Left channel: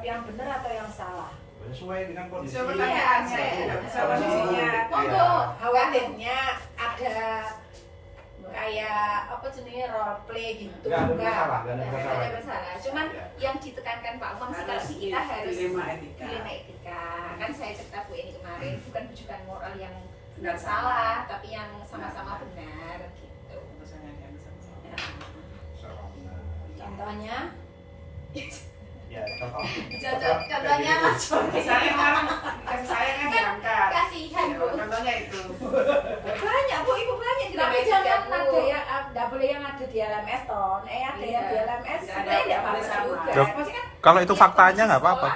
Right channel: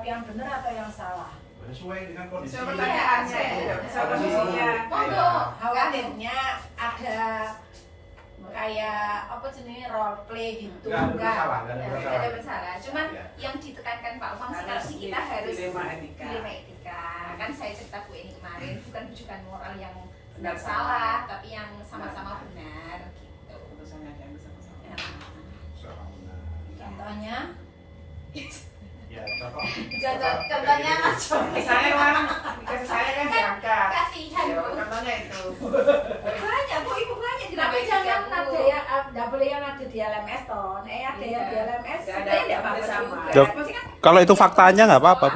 menganggap yang benar atau yang salah? Sesuai dengan kondisi. Pertanyaan saya, kondisinya. Monggo, khawatirnya ada kayak apa jenis role play gitu. Enggak ada masalah. Cuman yang ditekankan Pak Umam sih kalau kita harus dilema etika. Kan saya cerita Bu ini kemarin bukan rujukan moral yang benar salah, tapi yang sama-sama benar gitu. Contohnya? Ya, contoh. Contohnya macam Saya kan berangkat. kasihan Bu. Contohnya itu. Banyak Bu, Ibu banyak di Tapi dalam jangan Bu. ada yang nggak boleh yang ada di LMS ton. Ada yang di LMS. Nggak ada Sebenarnya nggak apa-apa apa-apa sama. juga. Jok. Maksudnya kan Kalau itu faktanya nggak apa-apa.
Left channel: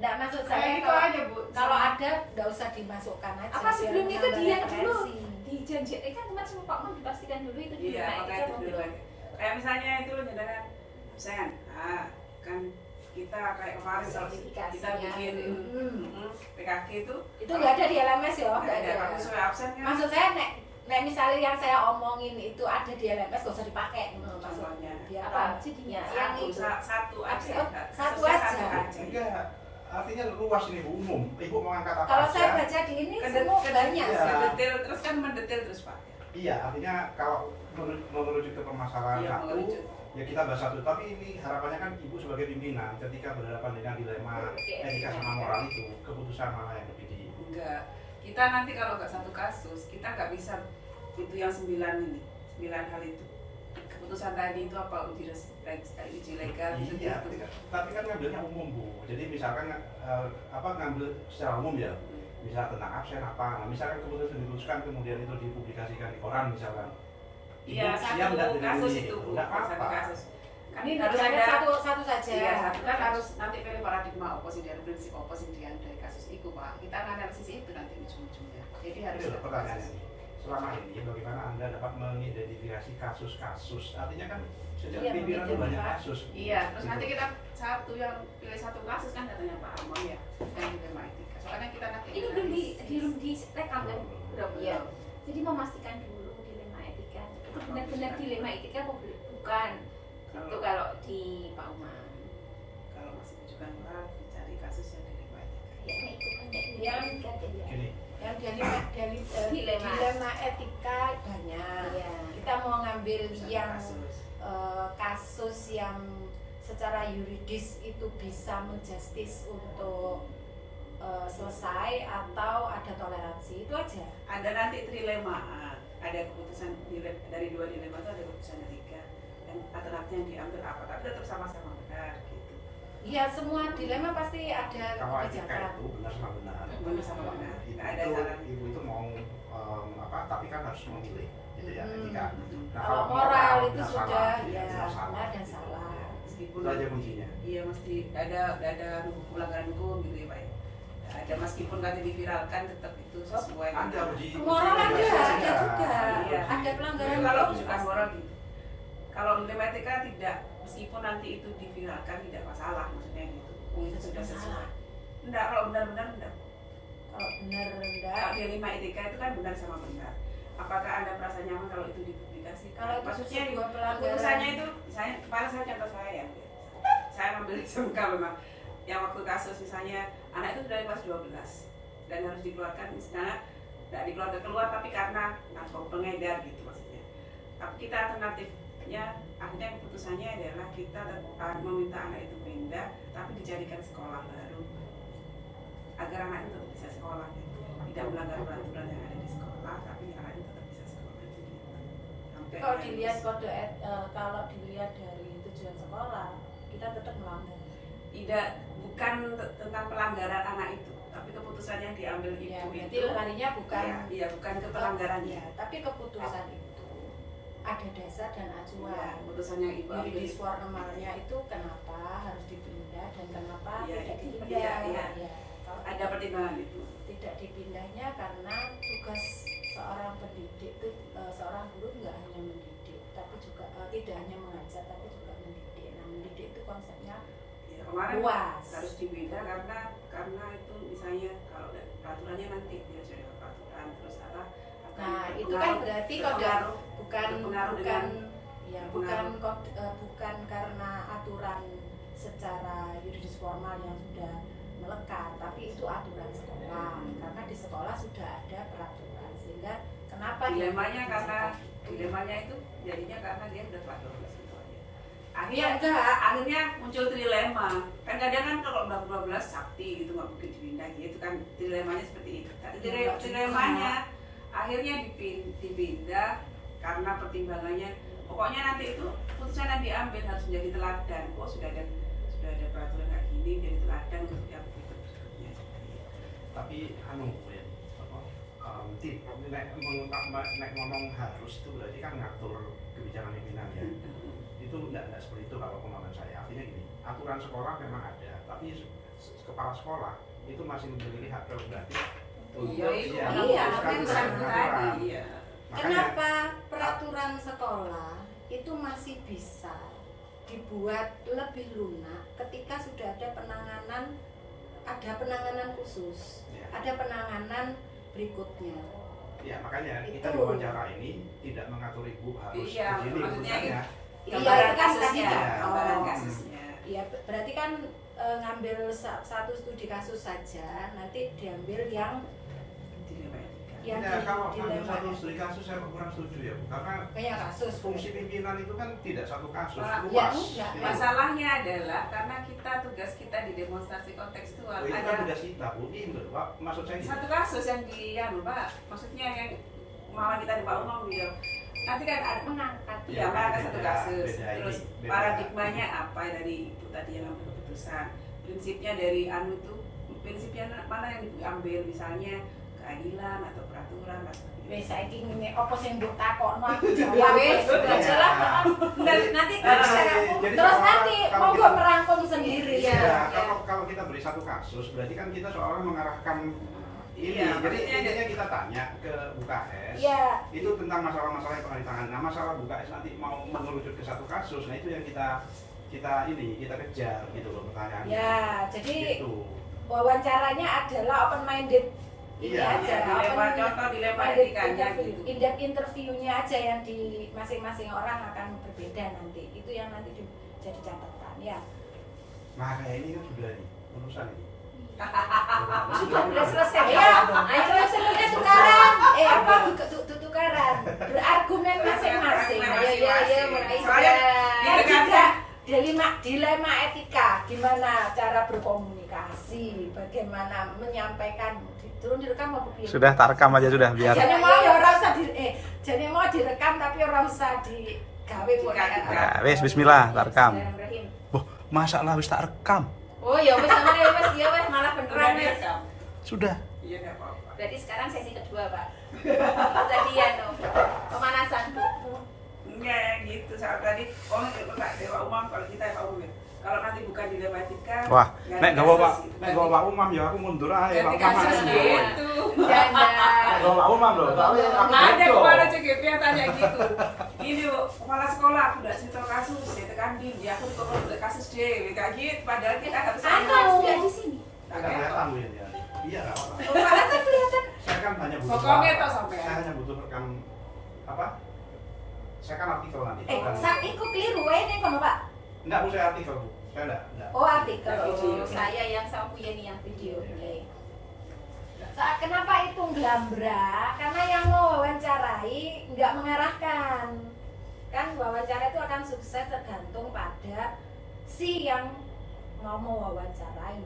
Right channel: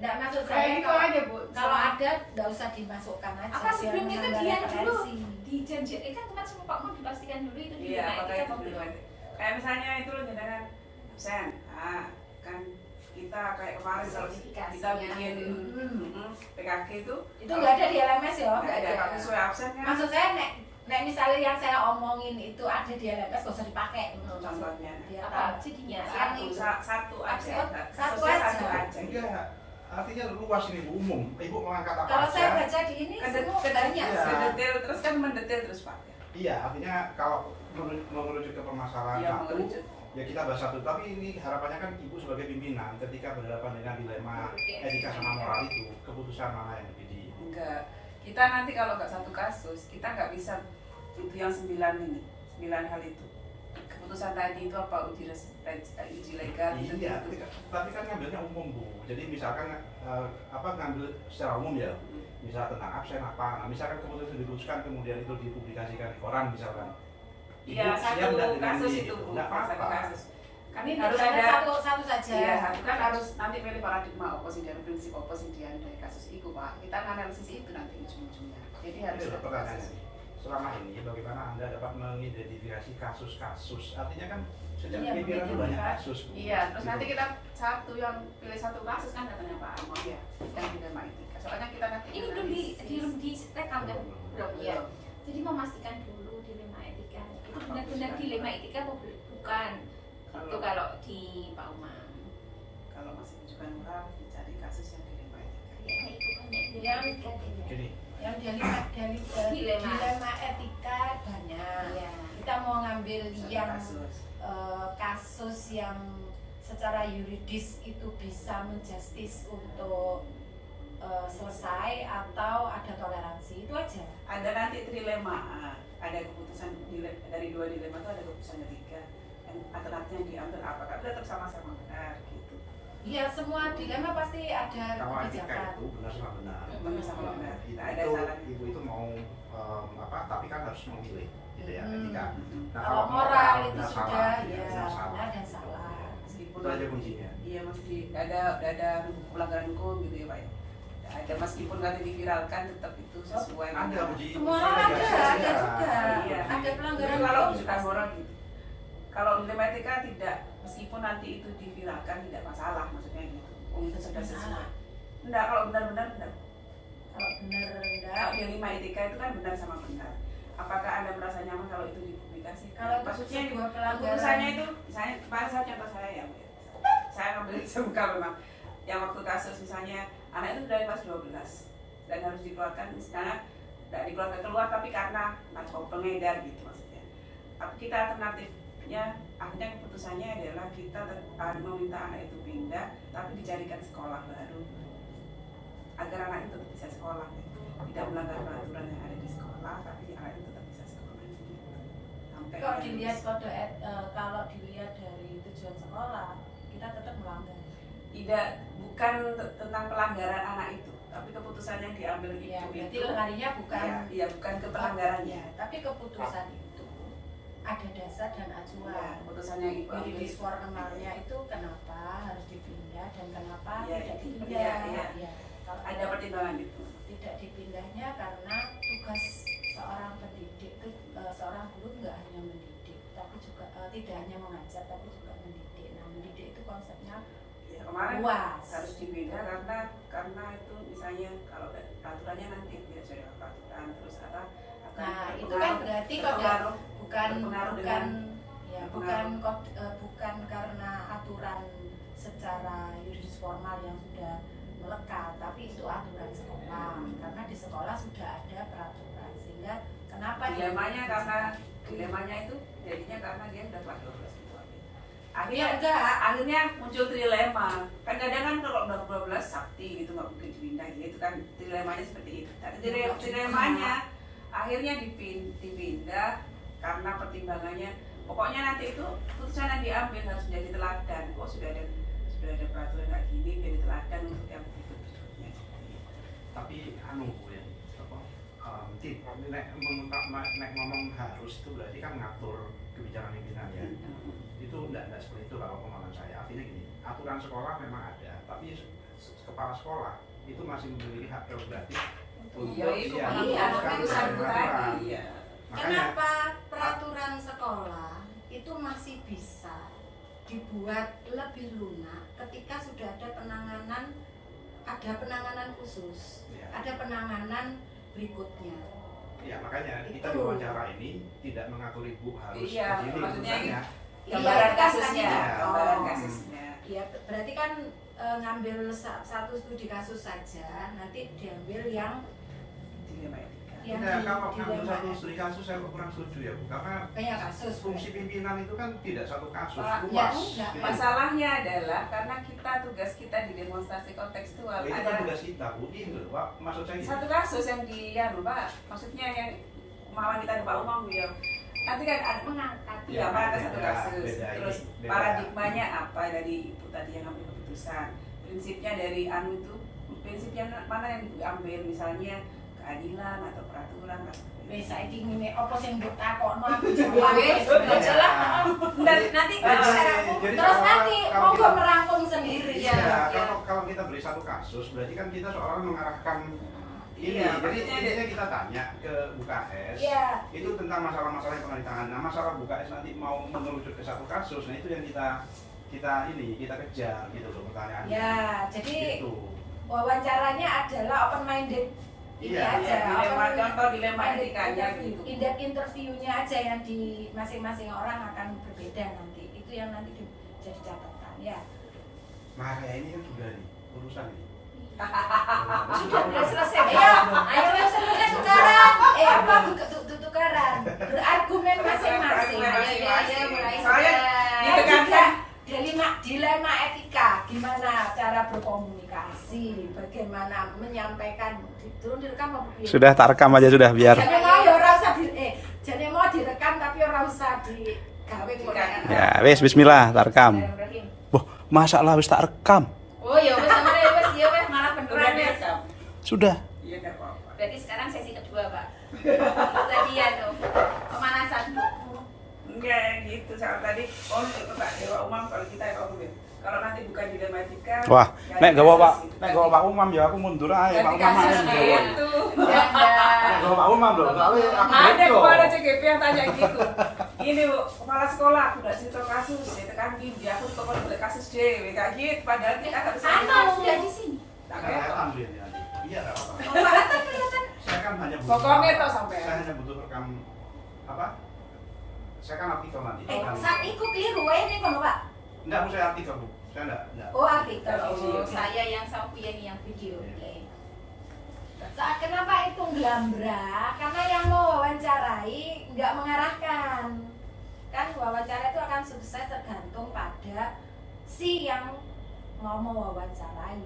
nggak maksud Saya saya itu kalau, aja Bu. kalau ada nggak usah dimasukkan aja. Apa biar sebelumnya itu menambah dia dulu referensi. dijanjikan kan kemarin sama Pak Umam dipastikan dulu itu di Iya, rumah kalau etika itu apa belum belum? ada. Kayak misalnya itu loh jangan Sen, kan kita kayak kemarin kalau kita Sertifikasinya. bikin PKG itu Itu nggak ada di LMS ya? nggak ada kalau sesuai absen kan Maksud saya nek misalnya yang saya omongin itu ada di LMS nggak usah dipakai gitu maksud contohnya. biar Apa jadinya? yang itu satu aja, Satu sesuai aja. satu aja. Enggak, artinya luas ini Bu, umum. Ibu mengangkat apa kalau saya aja. baca di ini Ke semua banyak Iya. detail terus kan mendetail terus Pak. Iya, artinya kalau merujuk ke permasalahan Iya, satu, mengerucut. ya kita bahas satu. Tapi ini harapannya kan Ibu sebagai pimpinan ketika berhadapan dengan dilema etika sama moral itu, keputusan mana yang lebih di... Enggak. Kita nanti kalau nggak satu kasus, kita nggak bisa itu yang 9 ini, 9 hal itu. Keputusan tadi itu apa uji legal itu Iya, gitu. tapi kan ngambilnya umum Bu. Jadi misalkan ngambil secara umum ya, misal tentang absen apa. Nah misalkan keputusan diputuskan kemudian itu dipublikasikan di koran misalkan. Iya, Ibu siap satu nggak dengan kasus ini? itu Bu, Nggak satu apa-apa. kasus. Kan ini harus misalnya ada satu saja Iya, satu kan harus nanti pilih paradigma oposisi dan prinsip oposisi dari kasus itu Pak. Kita analisis itu nanti ujung-ujungnya. Jadi harus Itu ada pertanyaannya. kasus. Selama ini bagaimana Anda dapat mengidentifikasi kasus-kasus? Artinya kan sejak Iya, pimpinan itu banyak kasus. Iya, terus Gitu. nanti kita satu yang pilih satu kasus kan katanya Pak Among ya, dan dilema etika. Soalnya kita nanti Ini belum di rekam kan? Belum ya. Jadi memastikan dulu dilema etika. Itu benar-benar dilema etika apa bukan? Itu kalau di Pak Umam. kalau masih bukan moral dicari kasus yang dilema etika. Kayaknya itu banyak Yang Gini, yang dilema etika banyak. Iya. Kita mau ngambil yang Kasus. kasus yang secara yuridis itu bisa menjustis untuk selesai atau ada toleransi itu aja. Ada nanti trilema, ada keputusan dari dua dilema itu ada keputusan ketiga yang alternatif yang diambil apa, tapi tetap sama-sama benar gitu. Ya semua dilema pasti ada kalau etika kebijakan. itu benar sama benar. Benar sama benar. Ibu Tidak ada itu, saran. ibu itu mau tapi kan harus memilih, gitu ya etika. Nah, Kalau moral itu benar sudah salah, ya benar salah. benar dan salah. Meskipun Itu aja kuncinya. iya mesti ada pelanggaran hukum gitu ya Pak ya. Ada meskipun nanti diviralkan tetap itu sesuai Ada dengan uji. Moral ada Iya. juga. Iya. Ada pelanggaran kalau hukum sudah pasti. moral gitu. Kalau dilema etika tidak, meskipun nanti itu diviralkan tidak masalah maksudnya gitu. Itu sudah sesuai. Salah. Enggak, kalau benar-benar enggak. Kalau benar Kalau enggak. dilema etika itu kan benar sama benar. Apakah Anda merasa nyaman kalau itu dipublikasikan? Kalau maksudnya sebuah pelanggaran- keputusannya itu, saya kemarin saya contoh saya ya, Bu, ya. Saya ngambil SMK memang. Yang waktu kasus misalnya anak itu dari kelas 12 dan harus dikeluarkan misalnya tidak dikeluarkan keluar tapi karena narkoba pengedar gitu maksudnya. Tapi kita alternatifnya akhirnya keputusannya adalah kita meminta anak itu pindah tapi dijadikan sekolah baru agar anak itu tetap bisa sekolah gitu. Tidak melanggar peraturan yang ada di sekolah tapi anak itu tetap bisa sekolah. Sampai Kalau anak dilihat itu- kalau dilihat dari tujuan sekolah, kita tetap melanggar. tidak bukan tentang pelanggaran anak itu tapi keputusan yang diambil Ya, ibu berarti itu larinya bukan iya bukan ke pelanggarannya Ya, tapi keputusan itu ada dasar dan ya, acuan. keputusan yang ibu ambil Yuridis formalnya itu kenapa harus dipindah dan kenapa Iya, tidak iya, dipindah. iya. Ya, kalau ada pertimbangan itu tidak dipindahnya karena tugas seorang pendidik itu seorang guru nggak hanya mendidik tapi juga tidak hanya mengajar tapi juga mendidik. Nah mendidik itu konsepnya ya, kemarin luas. harus dipindah karena itu misalnya kalau peraturannya nanti ya saya peraturan terus apa akan Nah itu berpengaruh- kan berarti kalau berpengaruh bukan berpengaruh bukan dengan ya berpengaruh. bukan karena aturan secara yuridis formal yang sudah melekat, tapi itu aturan sekolah karena di sekolah sudah ada peraturan, sehingga kenapa Dilemanya dia karena seperti itu? dilemanya itu jadinya karena dia udah kelas 12 gitu. Ya enggak, Akhirnya muncul trilema. Kan kadang kan kalau udah 12 sakti itu nggak mungkin dipindah gitu kan, dilemanya seperti itu. Tapi Ya, dilemanya akhirnya dipindah karena pertimbangannya. Pokoknya nanti itu putusan yang diambil harus menjadi teladan. Kok sudah ada peraturan kayak gini, menjadi teladan untuk yang berikutnya. Tapi anu Bu ya, apa nek ngomong harus itu berarti kan ngatur kebijakan pimpinan ya. Itu enggak seperti itu kalau pemahaman saya. Artinya gini, aturan sekolah memang ada, tapi kepala sekolah itu masih memiliki hak prerogatif untuk itu iya, memutuskan memang tentang aturan. Iya. Makanya kenapa peraturan sekolah itu masih bisa dibuat lebih lunak ketika sudah ada penanganan khusus, ya, ada penanganan berikutnya. ya makanya kita Itu. di wawancara ini tidak mengatur ibu harus Iya, begini maksudnya urusannya. Iya, Gambaran itu kan kasusnya, tadi gambaran contoh. kasusnya. Ya berarti kan ngambil satu studi kasus saja, nanti diambil yang Dilema etika. yang Nah, kalau di ambil dilema satu studi kasus saya kurang setuju ya Bu, karena banyak kasus. fungsi pimpinan itu kan tidak satu kasus, Ya, luas. enggak. Gitu. Masalahnya adalah karena tugas kita di demonstrasi kontekstual Oh, itu kan ada tugas kita Bu, ini loh Pak, maksud saya ini. satu kasus yang Pak, maksudnya yang pemahaman kita di Pak Umam dia nanti kan ada Mengangkat. ya maka satu beda, kasus beda ini, terus beda. paradigmanya apa dari ibu tadi yang ambil keputusan, prinsipnya dari anu itu prinsipnya mana yang diambil, misalnya keadilan atau peraturan atau seperti Wes itu. saiki ngene apa sing mbok takokno aku Ya jawab wes, wes. udah jelas. Nanti Jadi terus kalau- nanti kalau monggo kita- merangkum sendiri Iya, ya. kalau kita beri satu kasus, berarti kan kita seolah mengarahkan ini. Iya, Jadi maksudnya intinya kita tanya ke BKS, Iya. itu tentang masalah-masalah yang pernah ditangani. Nah, masalah BKS nanti mau mengerucut ke satu kasus, nah itu yang kita kejar gitu loh pertanyaannya. Ya, jadi Gitu. wawancaranya adalah open minded. Ini Iya, aja, dilema open contoh dilema minded etikanya interview. gitu. In-depth interviewnya aja yang di masing-masing orang akan berbeda nanti. Itu yang nanti jadi catatan ya. Nah, kayak ini kan sudah nih urusan ini. Sudah selesai ya. Ayo semuanya tukaran. Apa tukaran? Berargumen masing-masing. Ayo meraih. Soalnya gitu kan, juga dilema etika, gimana cara berkomunikasi, bagaimana menyampaikan. Turun direkam apa piye? Sudah tak rekam aja sudah biar. Jadi mau ya ora usah jadi mau direkam tapi ora usah digawe ngono. Ya, wes bismillah tak rekam. Bismillahirrahmanirrahim. Boh, masalah wis tak rekam. Oh ya wes sama deh wes ya wes malah beneran wes. Sudah. Iya nggak apa-apa. Berarti sekarang sesi kedua Pak. Tadi ya pemanasan Bu. Enggak yang gitu saat tadi itu Pak Dewa Umam kalau kita ya Om ya. Kalau nanti bukan dilema etika. Wah, nggak ada nek gawa kasus Pak, gitu. nek gawa Pak Umam ya aku mundur aja Ganti Pak Umam. kasus Umam. gitu. Ganda. Nek gawa Pak Umam loh. soalnya aku Ada begitu. kepala CGP yang tanya gitu. Gini Bu, kepala sekolah aku udah cerita kasus, dia tekan gini, aku pokoknya udah kasus J, kayak gitu. Padahal kita harus Anu ya di sini. Tak Nggak kayak kelihatan Bu ya, Jan. Iya nggak apa-apa. Oh Pak kelihatan. Saya kan hanya butuh. Pokoknya toh sampean. Saya hanya butuh rekam apa? Saya kan artikel nanti. bukan- Saat iku keliru wae ning kono, Pak. Enggak Bu, saya artikel Bu. Saya enggak. Oh, artikel. Oh, saya yang sama Yeni yang video. Saat kenapa itu glambra? Karena yang mau wawancarai nggak mengarahkan. Kan wawancara itu akan sukses tergantung pada si yang mau wawancarai.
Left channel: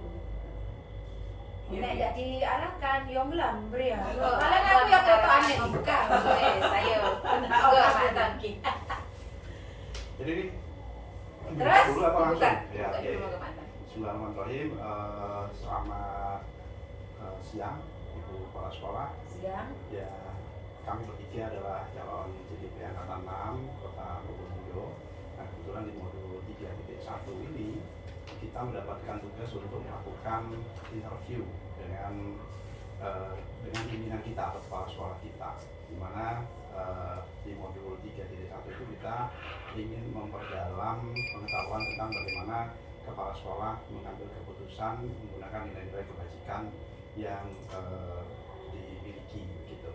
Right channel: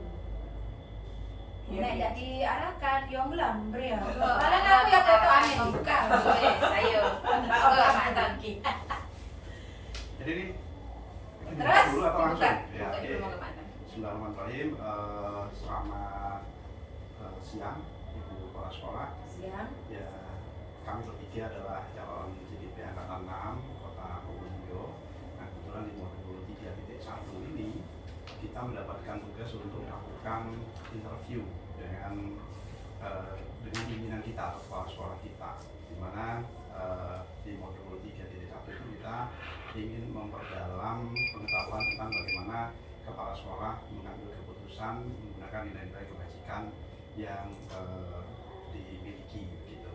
Iya, Nek iya. nggak diarahkan, yo glambra ya. Oh, Kalian aku ya foto aneh buka. buka. Saya. Enggak mantan. Jadi ini Terus? dulu atau langsung? Buka. Ya, Buka oke. dulu mau kemana? Bismillahirrahmanirrahim. Selamat siang Ibu Kepala Sekolah. Siang. Ya, kami bertiga adalah calon CGP Angkatan 6 Kota Probolinggo. Nah, kebetulan di modul 3.1 ini kita mendapatkan tugas untuk melakukan interview dengan pimpinan kita atau kepala sekolah kita, di mana di modul 3.1 itu kita ingin memperdalam pengetahuan tentang bagaimana kepala sekolah mengambil keputusan menggunakan nilai-nilai kebajikan yang dimiliki gitu.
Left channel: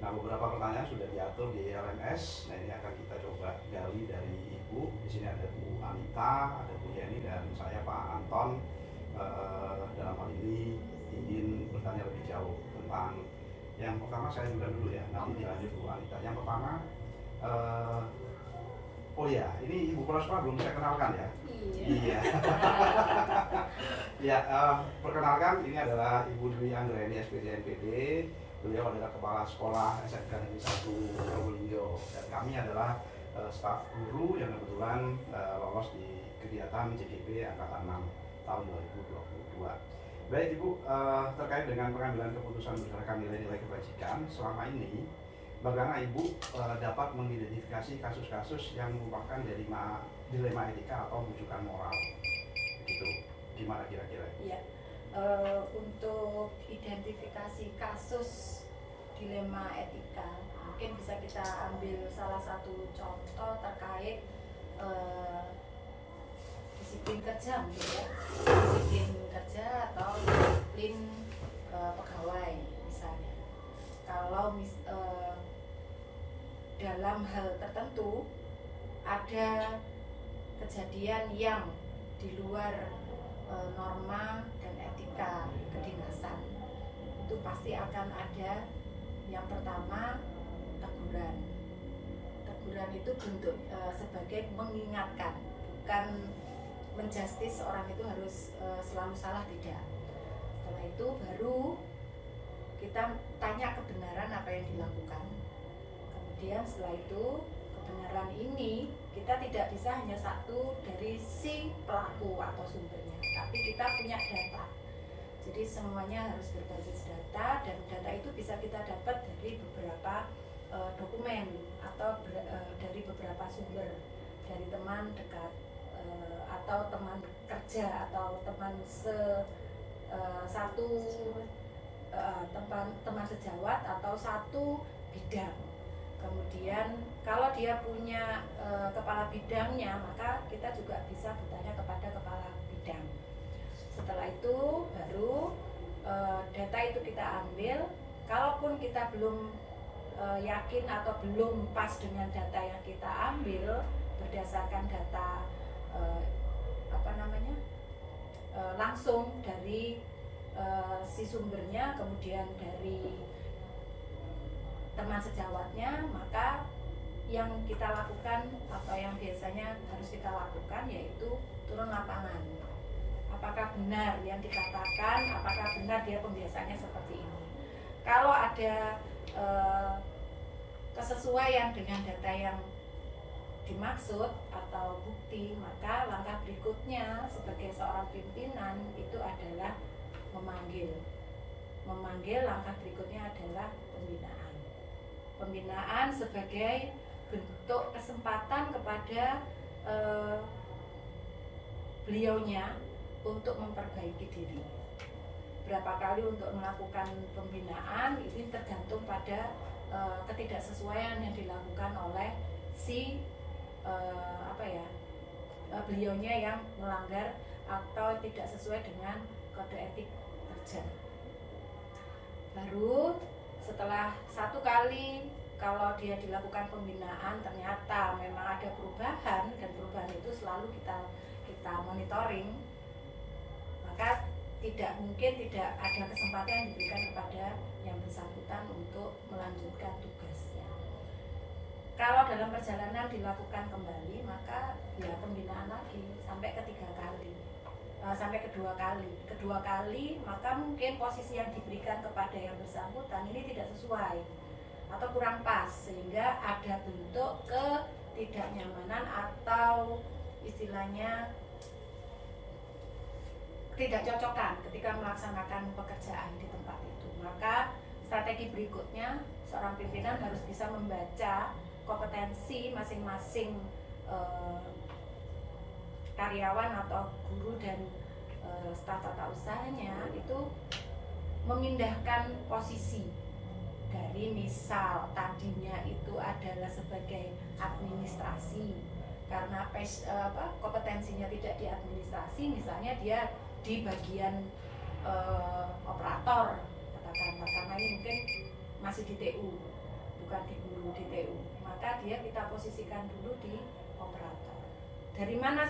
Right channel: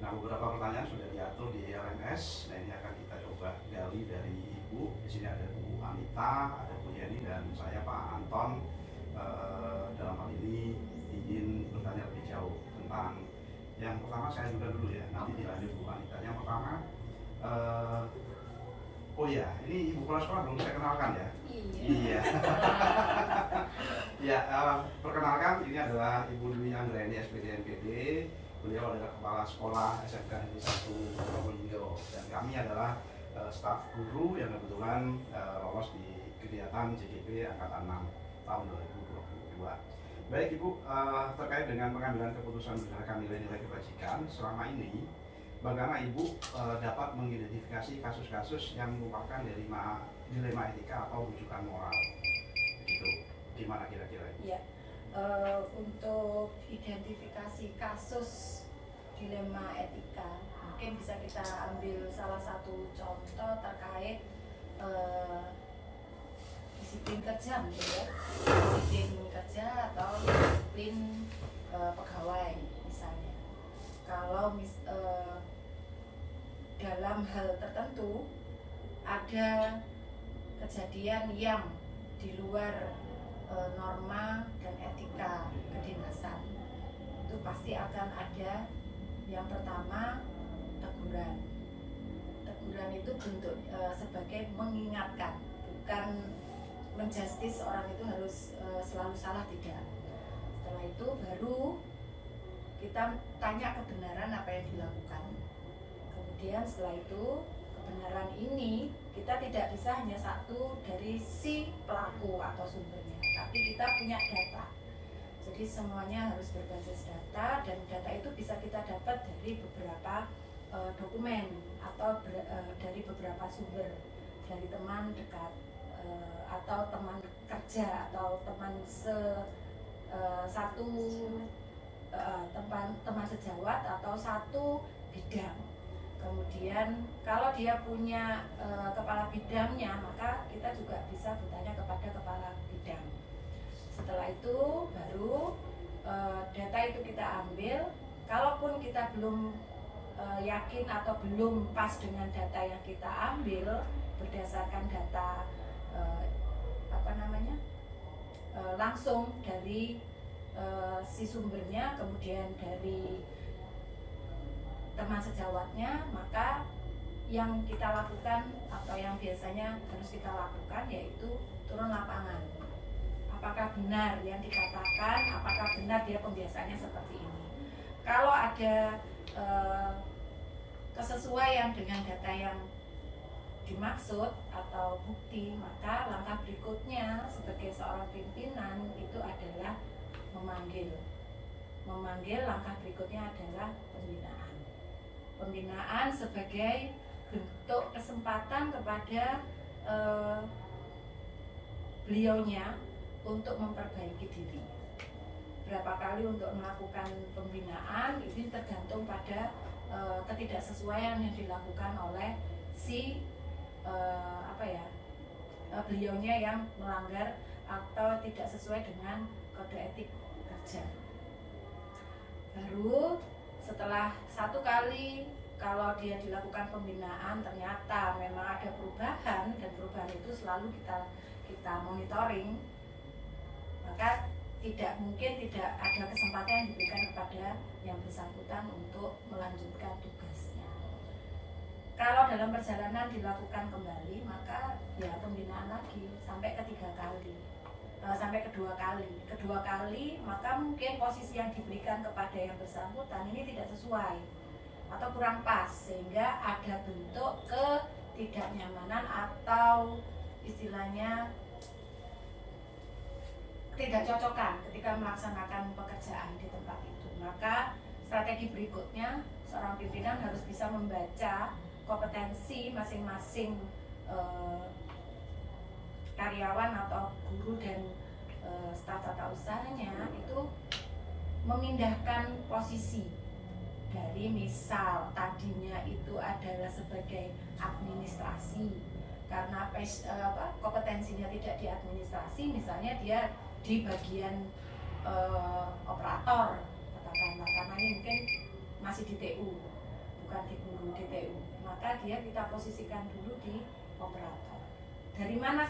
Nah, beberapa pertanyaan sudah diatur di LMS. Nah, ini akan kita coba gali dari Ibu. Di sini ada Bu Anita, ada Bu Yeni, dan saya Pak Anton. Dalam hal ini ingin bertanya lebih jauh tentang yang pertama. Saya juga dulu ya, nanti dilanjut Bu Anita. Yang pertama, oh ya, ini Ibu Kepala Sekolah belum saya kenalkan ya. Iya. Ya, perkenalkan, ini adalah Ibu Dwi Anggraini SPD NPD. Beliau adalah Kepala Sekolah SMK Negeri 1 Probolinggo, dan kami adalah staf guru yang kebetulan lolos di kegiatan JGP Angkatan 6 tahun 2022. Baik Ibu, terkait dengan pengambilan keputusan berdasarkan nilai-nilai kebajikan selama ini, bagaimana Ibu dapat mengidentifikasi kasus-kasus yang merupakan dilema etika atau rujukan moral? Begitu. Gimana kira-kira? Ya, untuk identifikasi kasus dilema etika, mungkin bisa kita ambil salah satu contoh terkait disiplin kerja, gitu ya. Disiplin kerja atau disiplin pegawai misalnya. Kalau dalam hal tertentu ada kejadian yang di luar norma dan etika kedinasan, itu pasti akan ada yang pertama teguran. Teguran itu bentuk sebagai mengingatkan, bukan menjustis orang itu harus selalu salah, tidak. Setelah itu baru kita tanya kebenaran apa yang dilakukan. Kemudian setelah itu kebenaran ini kita tidak bisa hanya satu dari si pelaku atau sumbernya, tapi kita punya data. Jadi semuanya harus berbasis data, dan data itu bisa kita dapat dari beberapa dokumen atau dari beberapa sumber, dari teman dekat atau teman kerja atau teman teman sejawat atau satu bidang. Kemudian kalau dia punya kepala bidangnya, maka kita juga bisa bertanya kepada kepala bidang. Setelah itu baru data itu kita ambil. Kalaupun kita belum yakin atau belum pas dengan data yang kita ambil berdasarkan data langsung dari si sumbernya, kemudian dari teman sejawatnya, maka yang kita lakukan, apa yang biasanya harus kita lakukan, yaitu turun lapangan. Apakah benar yang dikatakan, apakah benar dia pembiasaannya seperti ini. Kalau ada kesesuaian dengan data yang dimaksud atau bukti, maka langkah berikutnya sebagai seorang pimpinan itu adalah memanggil. Langkah berikutnya adalah pembinaan. Pembinaan sebagai bentuk kesempatan kepada beliaunya untuk memperbaiki diri. Berapa kali untuk melakukan pembinaan ini tergantung pada ketidaksesuaian yang dilakukan oleh si beliaunya yang melanggar atau tidak sesuai dengan kode etik kerja. Baru setelah satu kali, kalau dia dilakukan pembinaan ternyata memang ada perubahan, dan perubahan itu selalu kita monitoring, maka tidak ada kesempatan yang diberikan kepada yang bersangkutan untuk melanjutkan tugasnya. Kalau dalam perjalanan dilakukan kembali, maka ya pembinaan lagi sampai kedua kali, maka mungkin posisi yang diberikan kepada yang bersangkutan ini tidak sesuai atau kurang pas, sehingga ada bentuk ketidaknyamanan atau istilahnya tidak cocokan ketika melaksanakan pekerjaan di tempat itu. Maka strategi berikutnya, seorang pimpinan harus bisa membaca kompetensi masing-masing karyawan atau guru dan staf tata usahanya, itu memindahkan posisi dari, misal tadinya itu adalah sebagai administrasi, karena kompetensinya tidak di administrasi, misalnya dia di bagian operator katakanlah, karena ini mungkin masih di TU. bukan di guru di TU, maka dia kita posisikan dulu di operator. Dari mana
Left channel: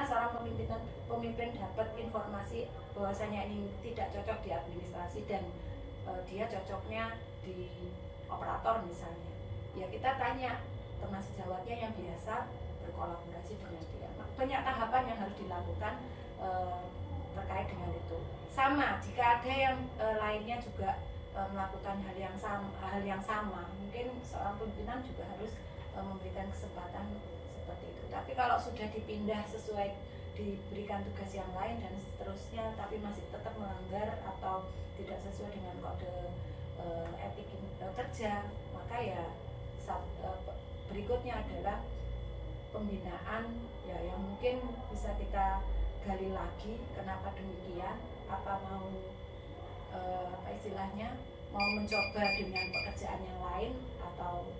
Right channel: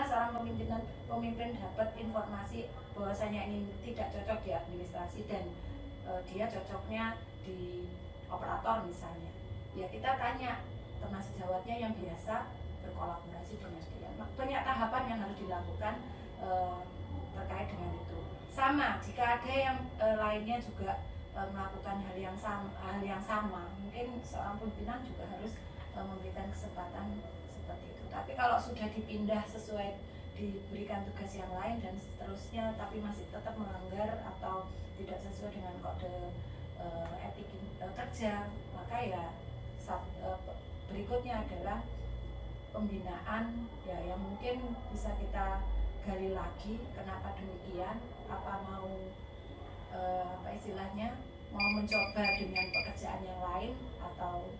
seorang pemimpin dapat informasi bahwasanya ini tidak cocok di administrasi dan dia cocoknya di operator misalnya. Ya kita tanya teman sejawatnya yang biasa berkolaborasi dengan dia. Banyak tahapan yang harus dilakukan terkait dengan itu. Sama jika ada yang lainnya juga melakukan hal yang sama, mungkin seorang pimpinan juga harus memberikan kesempatan seperti itu. Tapi kalau sudah dipindah sesuai diberikan tugas yang lain dan seterusnya, tapi masih tetap melanggar atau tidak sesuai dengan kode etik kerja, maka ya berikutnya adalah pembinaan ya yang mungkin bisa kita gali lagi kenapa demikian, apa mau apa istilahnya mau mencoba dengan pekerjaan yang lain atau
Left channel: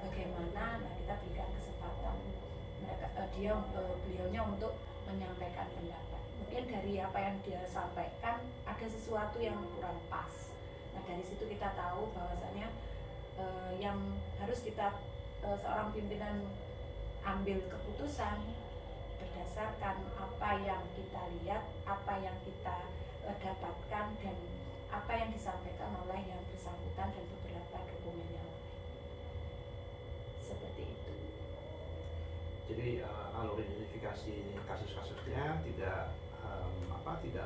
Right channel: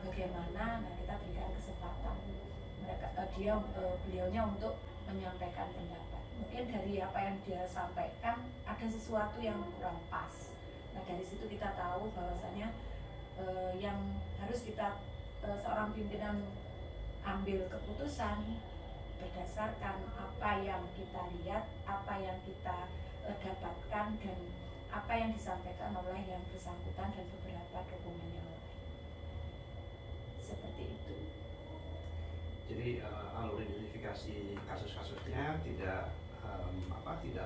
bagaimana. Nah kita berikan kesempatan beliaunya untuk menyampaikan pendapat. Mungkin dari apa yang dia sampaikan ada sesuatu yang kurang pas. Nah dari situ kita tahu bahwasanya yang harus kita seorang pimpinan ambil keputusan berdasarkan apa yang kita lihat, apa yang kita dapatkan dan apa yang disampaikan oleh yang bersangkutan dan beberapa dokumen yang lain. Seperti itu. Jadi alur identifikasi kasus-kasusnya tidak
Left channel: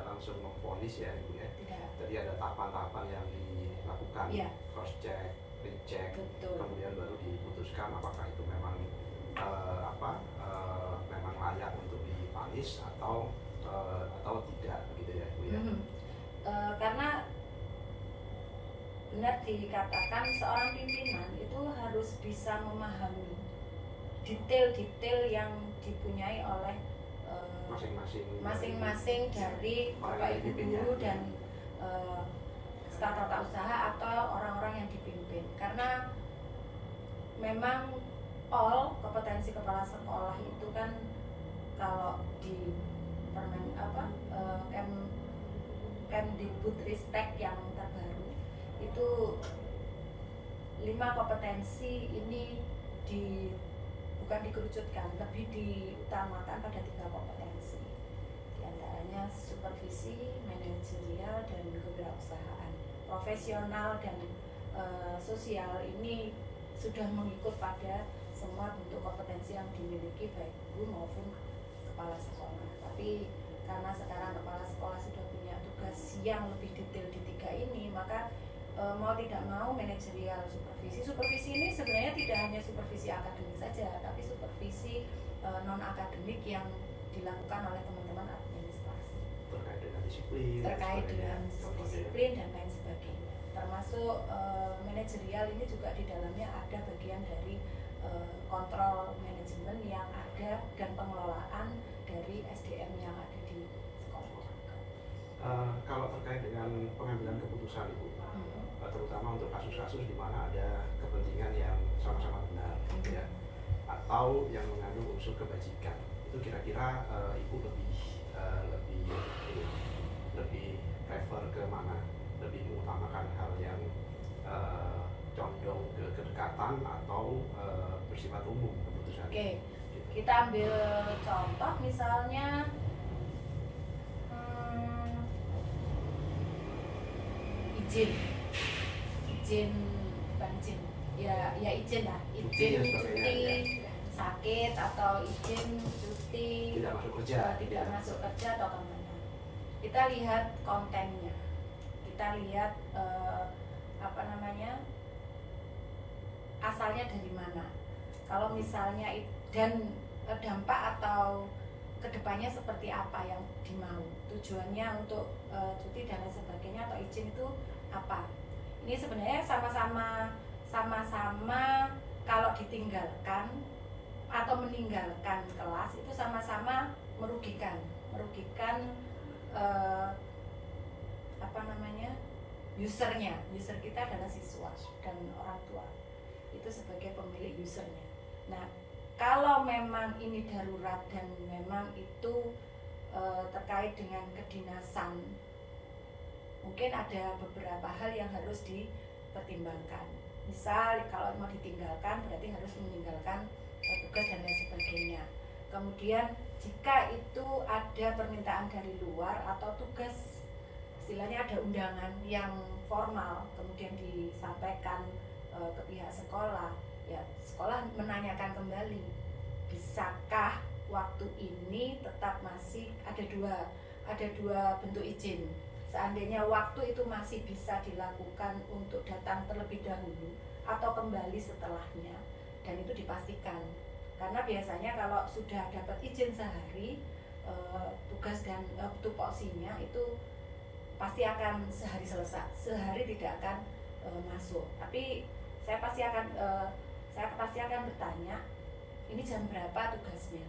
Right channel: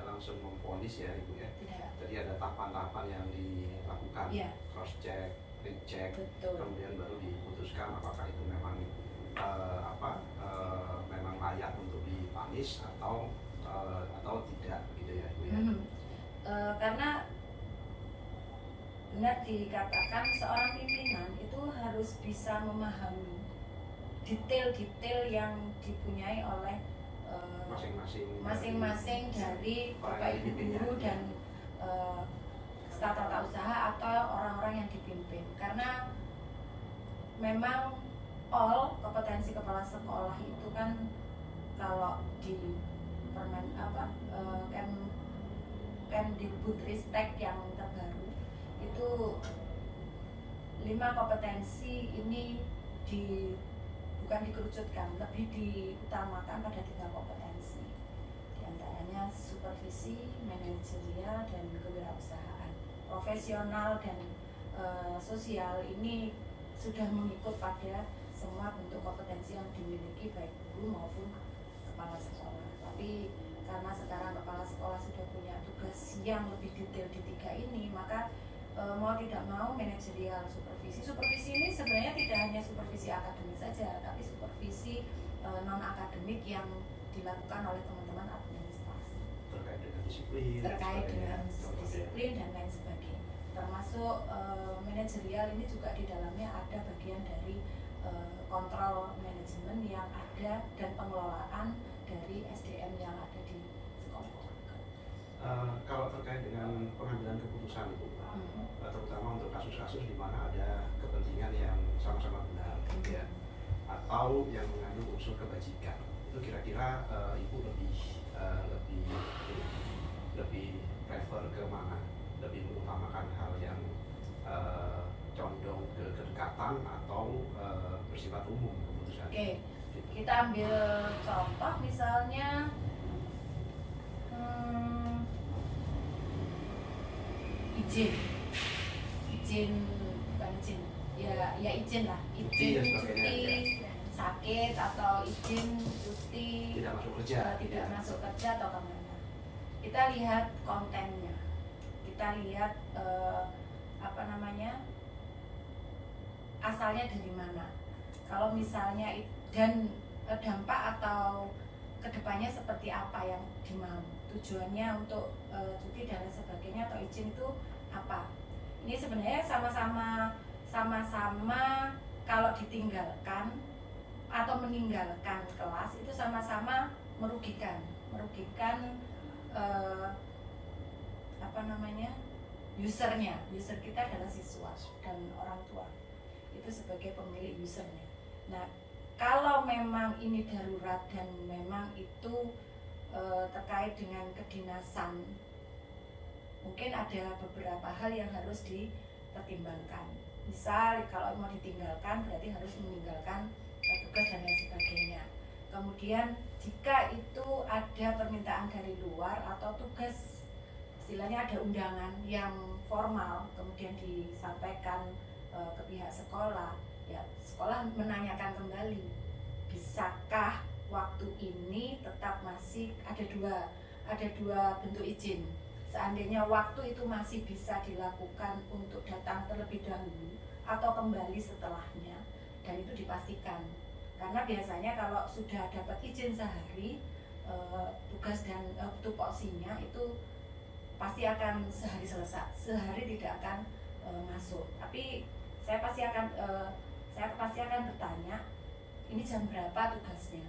langsung memvonis ya Ibu ya. Tidak. Jadi ada tahapan-tahapan yang dilakukan, Ya. cross check, recheck, Betul. kemudian baru diputuskan apakah itu memang memang layak untuk dipanis atau tidak gitu ya Ibu ya. Karena benar dikatakan seorang pimpinan itu harus bisa memahami detail-detail yang dipunyai oleh masing-masing dari Bapak Ibu guru dan staf tata usaha atau orang-orang yang dipimpin. Karena memang kompetensi kepala sekolah itu kan kalau di Kemdikbudristek yang terbaru itu 5 kompetensi ini bukan dikerucutkan, lebih diutamakan pada 3 kompetensi. Di antaranya supervisi, manajerial, dan kewirausahaan. Profesional dan sosial ini sudah mengikut pada semua bentuk kompetensi yang dimiliki baik guru maupun kepala sekolah. Tapi karena sekarang kepala sekolah sudah punya tugas yang lebih detail di 3 ini, maka mau tidak mau manajerial, supervisi ini sebenarnya tidak hanya supervisi akademik saja, tapi supervisi non akademik yang dilakukan oleh teman-teman administrasi terkait dengan disiplin dan lain sebagainya. Termasuk manajerial ini juga di dalamnya ada bagian dari kontrol manajemen yang ada dan pengelolaan dari SDM yang ada di sekolah. Kalau terkait dengan pengambilan keputusan Ibu, terutama untuk kasus-kasus di mana ada kepentingan yang sama-sama benar, ya, atau yang mengandung unsur kebajikan, itu kira-kira Ibu lebih prefer ke mana? Lebih mengutamakan hal yang condong ke kedekatan atau bersifat umum keputusan? Oke, kita ambil contoh misalnya izin lah, izin cuti sakit atau izin cuti tidak masuk kerja atau kemana. Kita lihat kontennya, kita lihat asalnya dari mana. Kalau misalnya dan dampak atau kedepannya seperti apa yang dimau, tujuannya untuk cuti dan lain sebagainya atau izin itu apa. Ini sebenarnya sama-sama kalau ditinggalkan atau meninggalkan kelas itu sama-sama merugikan user kita adalah siswa dan orang tua itu sebagai pemilik usernya. Nah kalau memang ini darurat dan memang itu terkait dengan kedinasan, mungkin ada beberapa hal yang harus dipertimbangkan. Misal kalau mau ditinggalkan berarti harus meninggalkan tugas dan lain sebagainya. Kemudian jika itu ada permintaan dari luar atau tugas, istilahnya ada undangan yang formal kemudian disampaikan ke pihak sekolah, ya sekolah menanyakan kembali, bisakah waktu ini tetap masih ada dua bentuk izin. Seandainya waktu itu masih bisa dilakukan untuk datang terlebih dahulu atau kembali setelahnya, dan itu dipastikan. Karena biasanya kalau sudah dapat izin sehari, tugas dan tupoksinya itu pasti akan sehari selesai, sehari tidak akan masuk. Tapi saya pasti akan bertanya, ini jam berapa tugasnya,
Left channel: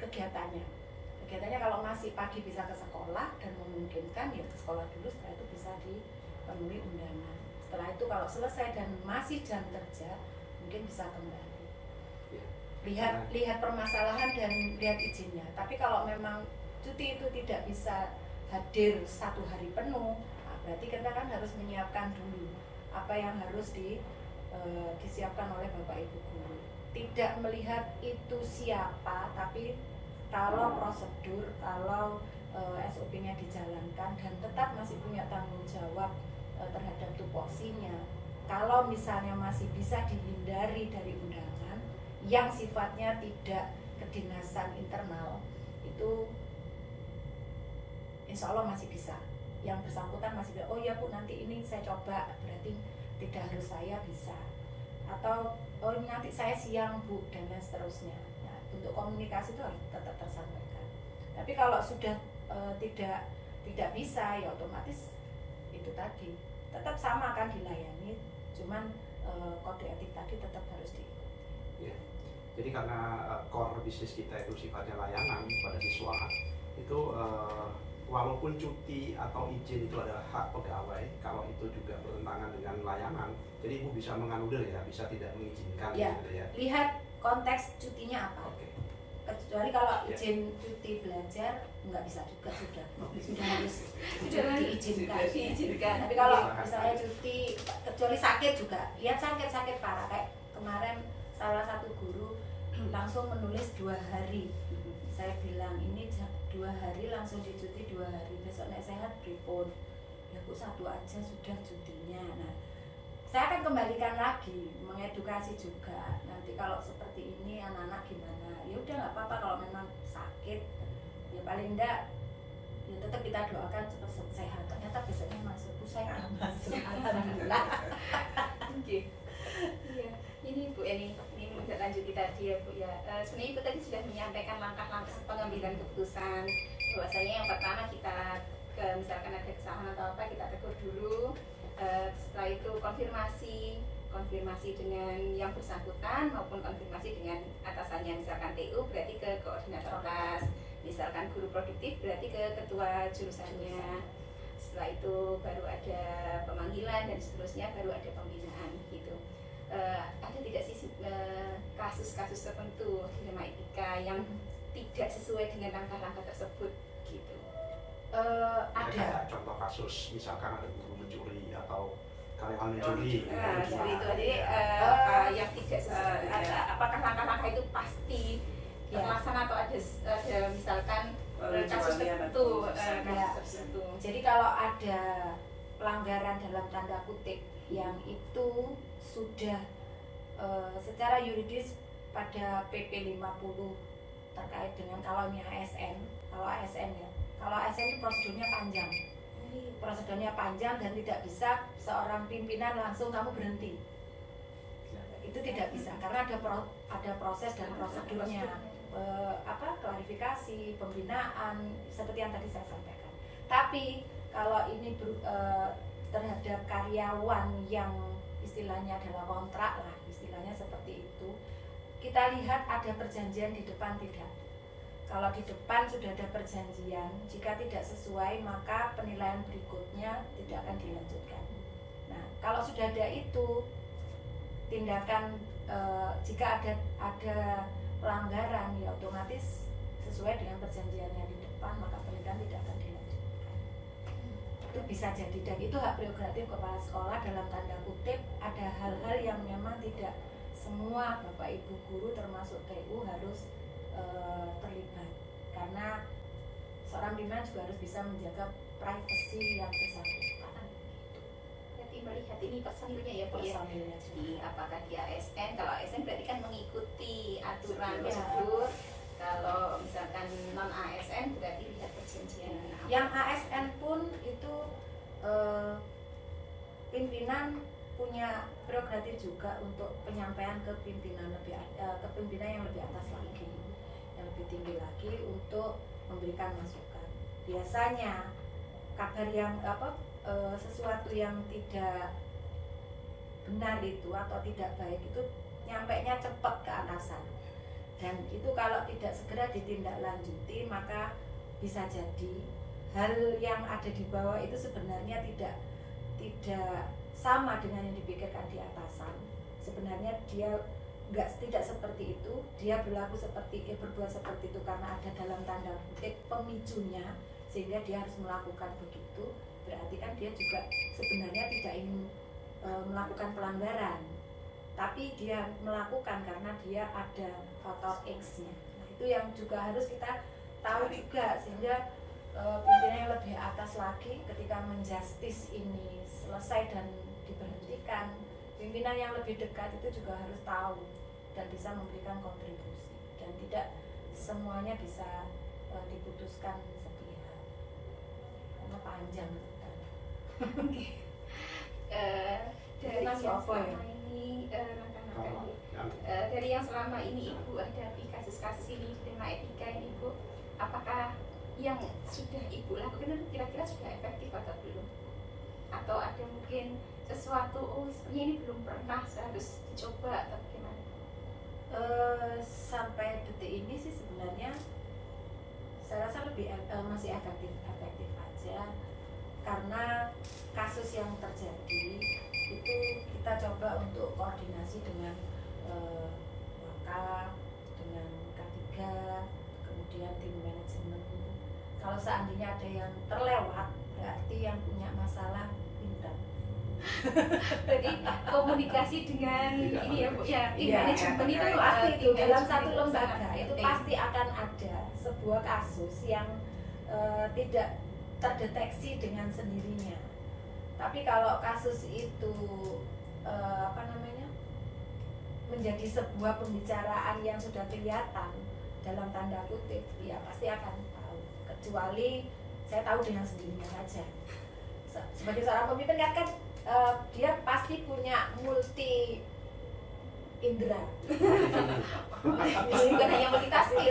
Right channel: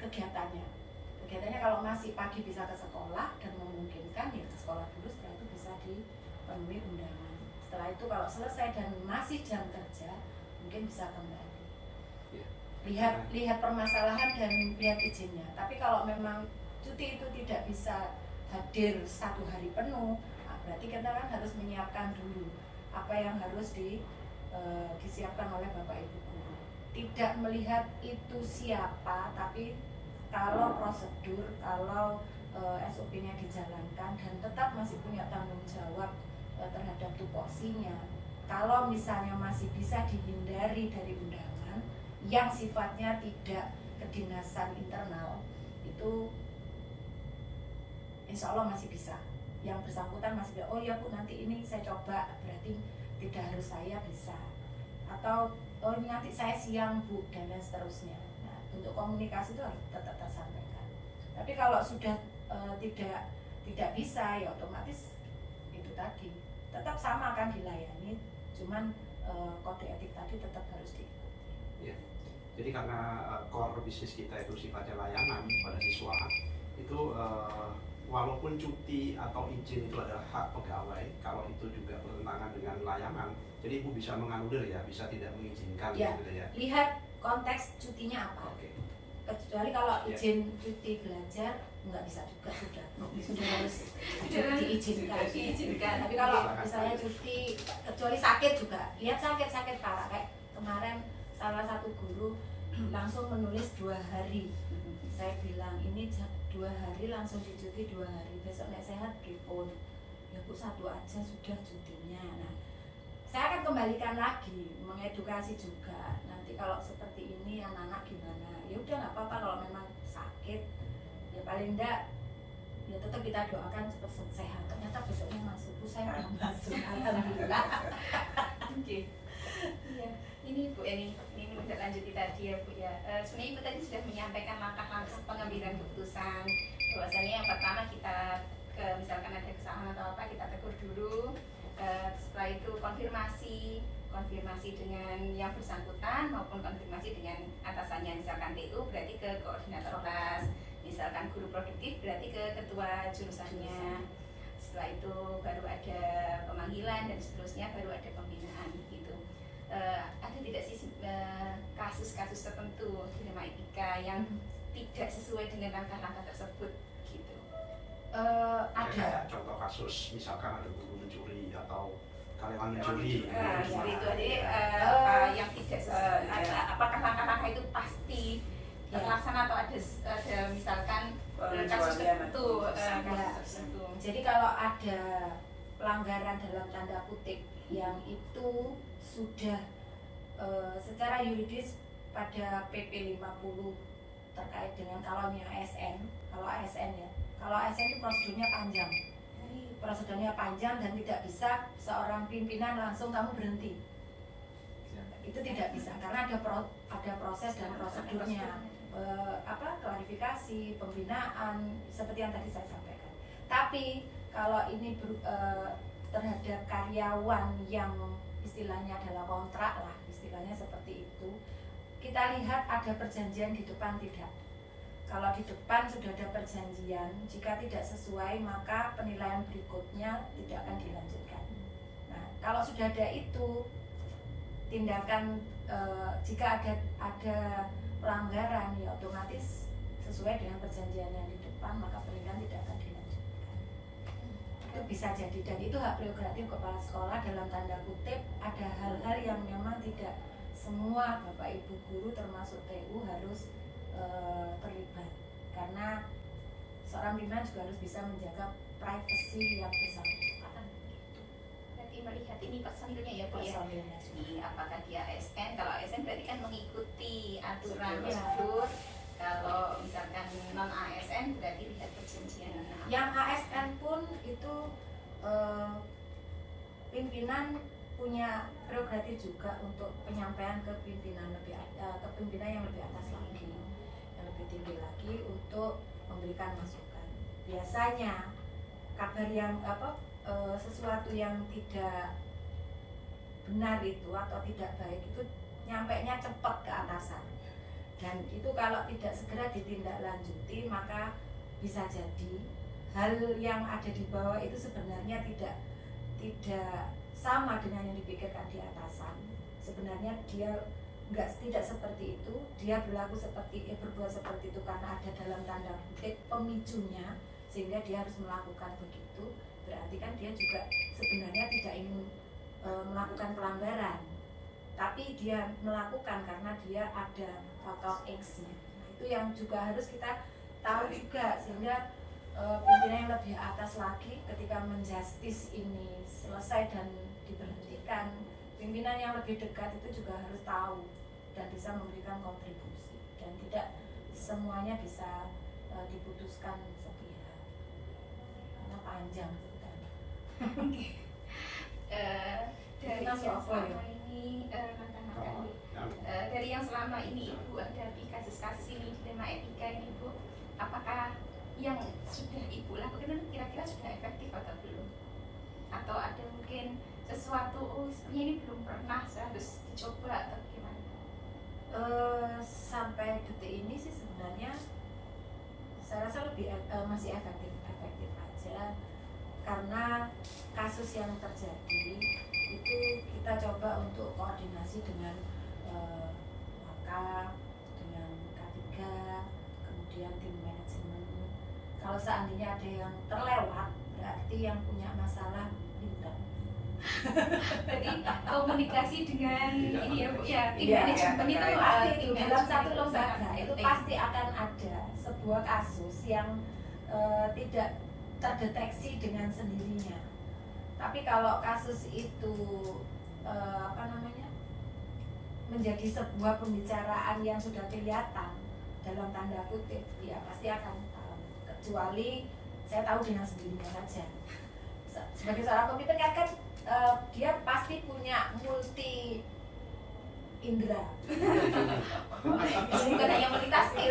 kegiatannya kalau masih pagi bisa ke sekolah dan memungkinkan ya ke sekolah dulu, setelah itu bisa dipenuhi undangan. Setelah itu kalau selesai dan masih jam kerja mungkin bisa kembali. Lihat permasalahan dan lihat izinnya. Tapi kalau memang cuti itu tidak bisa hadir 1 hari penuh, nah berarti kita kan harus menyiapkan dulu apa yang harus disiapkan oleh Bapak Ibu guru. Tidak melihat itu siapa, tapi kalau prosedur, kalau SOP-nya dijalankan dan tetap masih punya tanggung jawab terhadap tupoksinya. Kalau misalnya masih bisa dihindari dari undangan yang sifatnya tidak kedinasan internal, itu insya Allah masih bisa. Yang bersangkutan masih bisa, oh iya Bu, nanti ini saya coba, berarti tidak harus saya, bisa. Atau oh nanti saya siang Bu, dan lain seterusnya. Nah, bentuk komunikasi itu harus tetap tersampaikan. Tapi kalau sudah tidak bisa, ya otomatis itu tadi tetap sama akan dilayani, cuman kode etik tadi tetap harus diikuti. Ya. Jadi karena core bisnis kita itu sifatnya layanan pada siswa, itu walaupun cuti atau izin itu adalah hak pegawai, kalau itu juga bertentangan dengan layanan, jadi Ibu bisa menganulir ya, bisa tidak mengizinkan Ya, gitu ya. lihat konteks cutinya apa. Oke. Kecuali kalau izin cuti belajar nggak bisa juga, sudah harus diizinkan. Tapi kalau misalnya cuti kecuali sakit juga, lihat sakit parah, kayak kemarin salah satu guru langsung menulis 2 hari. Saya bilang ini 2 hari langsung dicuti 2 hari, besok nek sehat pripun, ya Bu 1 aja sudah cutinya. Nah, saya akan kembalikan lagi, mengedukasi juga. Nanti kalau seperti ini anak-anak gimana? Ya udah nggak apa-apa kalau memang sakit, ya paling enggak ya tetap kita doakan cepat sehat. Ternyata besoknya masuk, Bu saya udah masuk, alhamdulillah. Oke. Iya, ini Bu Eni, ini udah lanjuti tadi ya Bu ya. Sebenarnya Ibu tadi sudah menyampaikan langkah-langkah pengambilan keputusan. Bahwasanya yang pertama kita misalkan ada kesalahan atau apa, kita tegur dulu. Setelah itu konfirmasi dengan yang bersangkutan maupun konfirmasi dengan atasannya, misalkan TU berarti ke koordinator kelas, misalkan guru produktif berarti ke ketua jurusannya. Setelah itu baru ada pemanggilan dan seterusnya, baru ada pembinaan gitu. Ada tidak sih kasus-kasus tertentu di Dilema Etika yang tidak sesuai dengan langkah-langkah tersebut gitu? Ada contoh kasus, misalkan ada guru mencuri atau karyawan mencuri. Seperti itu. Jadi yang tidak sesuai, apakah langkah-langkah itu pasti terlaksana atau ada misalkan kasus tertentu? Jadi kalau ada pelanggaran dalam tanda kutip yang itu sudah secara yuridis pada PP 50 terkait dengan kalau ini ASN, kalau ASN itu prosedurnya panjang dan tidak bisa seorang pimpinan langsung kamu berhenti, itu tidak bisa karena ada proses dan prosedurnya, klarifikasi, pembinaan seperti yang tadi saya sampaikan. Tapi kalau ini terhadap karyawan yang istilahnya adalah kontrak lah, istilahnya seperti itu, kita lihat ada perjanjian di depan tidak. Kalau di depan sudah ada perjanjian, jika tidak sesuai maka penilaian berikutnya tidak akan dilanjutkan. Nah, kalau sudah ada itu tindakan, jika ada pelanggaran ya otomatis sesuai dengan perjanjian yang di depan maka penilaian tidak akan dilanjutkan. Itu itu bisa jadi, dan itu hak prerogatif kepala sekolah. Dalam tanda kutip ada hal-hal yang memang tidak semua bapak ibu guru termasuk TU harus terlibat, karena seorang pimpinan juga harus bisa menjaga privasi yang bersangkutan. Berarti melihat ini personilnya ya Bu ya. Personilnya. Jadi apakah dia ASN? Kalau ASN berarti kan mengikuti aturan Ya. prosedur. Kalau misalkan non ASN berarti lihat kejenjang. Yang ASN pun itu pimpinan punya prerogatif juga untuk penyampaian ke pimpinan ke pimpinan yang lebih atas lagi, yang lebih tinggi lagi, untuk memberikan masukan. Biasanya kabar yang sesuatu yang tidak benar itu atau tidak baik itu nyampainya cepat ke atasan, dan itu kalau tidak segera ditindaklanjuti maka bisa jadi hal yang ada di bawah itu sebenarnya tidak sama dengan yang dipikirkan di atasan. Sebenarnya dia tidak seperti itu, dia berbuat seperti itu karena ada dalam tanda kutip pemicunya sehingga dia harus melakukan begitu. Berarti kan dia juga sebenarnya tidak ingin melakukan pelanggaran, tapi dia melakukan karena dia ada faktor X-nya. Nah, itu yang juga harus kita tahu juga, sehingga pimpinan yang lebih atas lagi ketika menjustis ini selesai dan diberhentikan, pimpinan yang lebih dekat itu juga harus tahu dan bisa memberikan kontribusi, dan tidak semuanya bisa diputuskan sepihak karena panjang ceritanya. Dari Mas yang apa ya? selama ini dari yang selama ini Ibu hadapi kasus-kasus ini di tema etika ini Bu, apakah yang sudah Ibu lakukan kira-kira sudah efektif atau belum? Atau ada mungkin sesuatu sebenarnya ini belum pernah, saya harus dicoba atau gimana? Sampai detik ini sih sebenarnya saya rasa masih efektif aja, karena kasus yang terjadi itu kita coba untuk koordinasi dengan Waka, dengan K3, kemudian tim manajemen. Kalau seandainya ada yang terlewat, berarti yang punya masalah bintang. Berarti komunikasi dengan ini ya Bu ya, tim Iya, manajemen itu pasti itu tim dalam manajemen satu lembaga sangat itu penting. pasti akan ada sebuah kasus yang tidak terdeteksi dengan sendirinya. Tapi kalau kasus itu menjadi sebuah pembicaraan yang sudah kelihatan dalam tanda kutip, ya pasti akan tahu. Kecuali saya tahu dengan sendirinya saja. Sebagai seorang pemimpin kan dia pasti punya multi indera. Ini bukan hanya multitasking.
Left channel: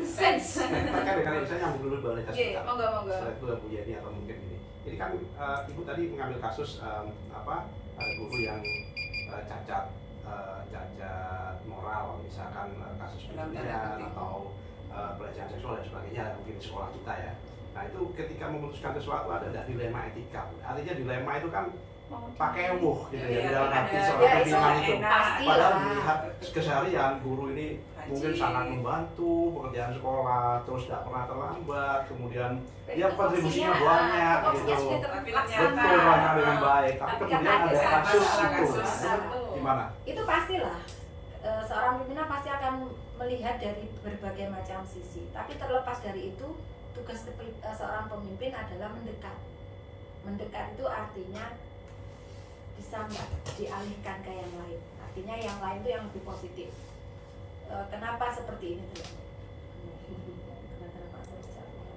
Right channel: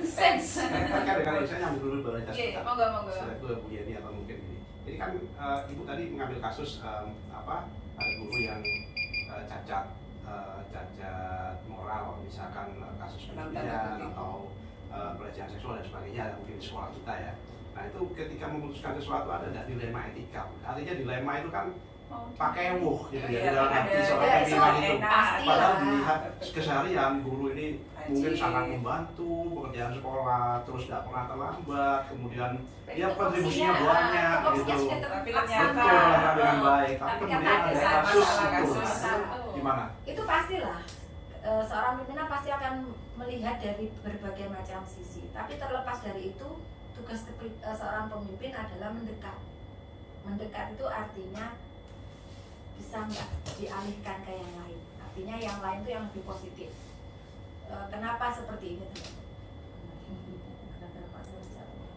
Sense. Kan dengan saya nyambung dulu balik Oke, monggo. Setelah itu Bu Yeni atau mungkin ini. Jadi kan Ibu tadi mengambil kasus ada guru yang cacat moral, misalkan kasus penganiayaan atau pelecehan seksual dan sebagainya, mungkin di sekolah kita ya. Nah itu ketika memutuskan sesuatu ada nggak dilema etika? Artinya dilema itu kan pakai gitu ya, dalam hati seorang pimpinan itu. Padahal dilihat keseharian guru ini mungkin sangat membantu pekerjaan sekolah, terus nggak pernah terlambat, kemudian dia kontribusinya banyak gitu. Betul, melakukan dengan baik. Tapi kemudian ada kasus itu, gimana? Itu pastilah seorang pimpinan pasti akan melihat dari berbagai macam sisi. Tapi terlepas dari itu, tugas seorang pemimpin adalah mendekat. Mendekat itu artinya bisa nggak dialihkan ke yang lain. Artinya yang lain itu yang lebih positif. Kenapa seperti ini teman-teman? Kenapa Pak Singapura?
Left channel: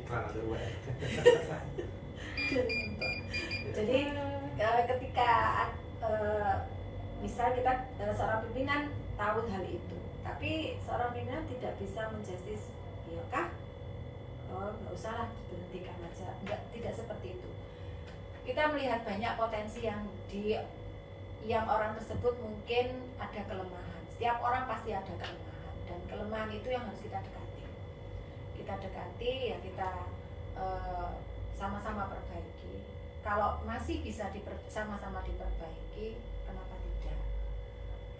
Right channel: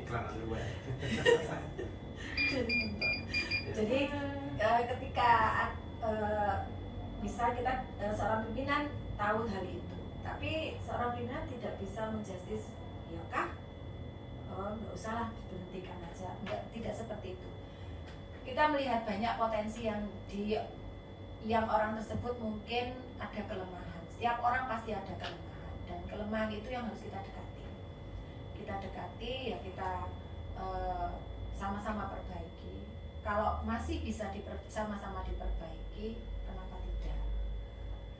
Iklan ada dua. Jadi ketika misal kita seorang pimpinan tahu hal itu, tapi seorang pimpinan tidak bisa menjustis, ya kah? Oh, nggak usah lah, diberhentikan aja. Tidak seperti itu. Kita melihat banyak potensi yang orang tersebut mungkin ada kelemahan. Setiap orang pasti ada kelemahan, dan kelemahan itu yang harus kita dekati. Kita dekati, ya kita sama-sama perbaiki. Kalau masih bisa sama-sama diperbaiki, kenapa tidak?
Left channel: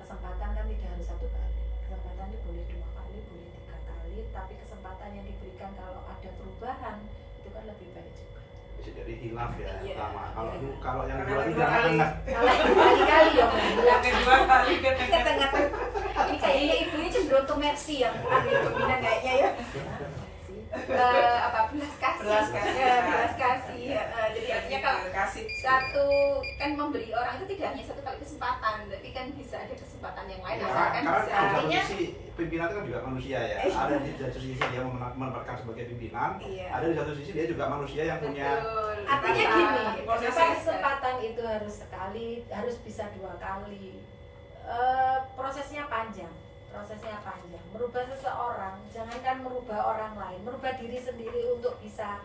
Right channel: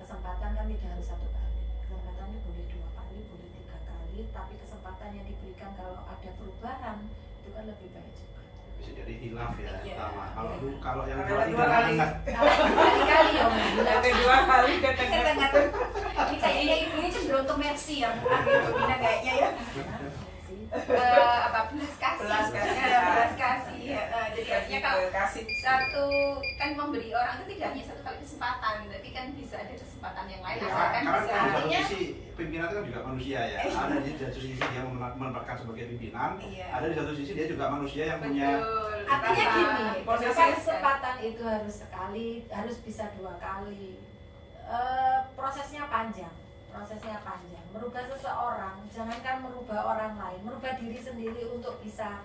Kesempatan kan tidak harus satu kali. kesempatan ini boleh 2 kali, boleh 3 kali, tapi kesempatan yang diberikan kalau ada perubahan itu kan lebih baik juga. Bisa jadi hilaf ya Iya. pertama. Kalau yang Karena dua ini dua kali. tengah. Kalau berkali-kali ya Mbak. Yang kedua kali ke Ke tengah. tengah. Ini kayaknya ibunya cenderung ke Mercy yang gitu Bina kayaknya ya. Apa belas kasih. Belas kasih. Ya, belas kasih. Ya, jadi artinya kalau kasih satu kan memberi orang itu tidak hanya satu kali kesempatan, tapi kan bisa ada kesempatan yang lain. Ya, Asalkan karena bisa. di satu Artinya sisi pimpinan itu kan juga manusia ya. Ada di satu sisi dia menempatkan sebagai pimpinan, Iya. ada di satu sisi dia juga manusia yang punya. betul. Artinya Rasa. gini, Posisi. kenapa kesempatan itu harus sekali, harus bisa 2 kali. Prosesnya panjang. Merubah seseorang, jangankan merubah orang lain, merubah diri sendiri untuk bisa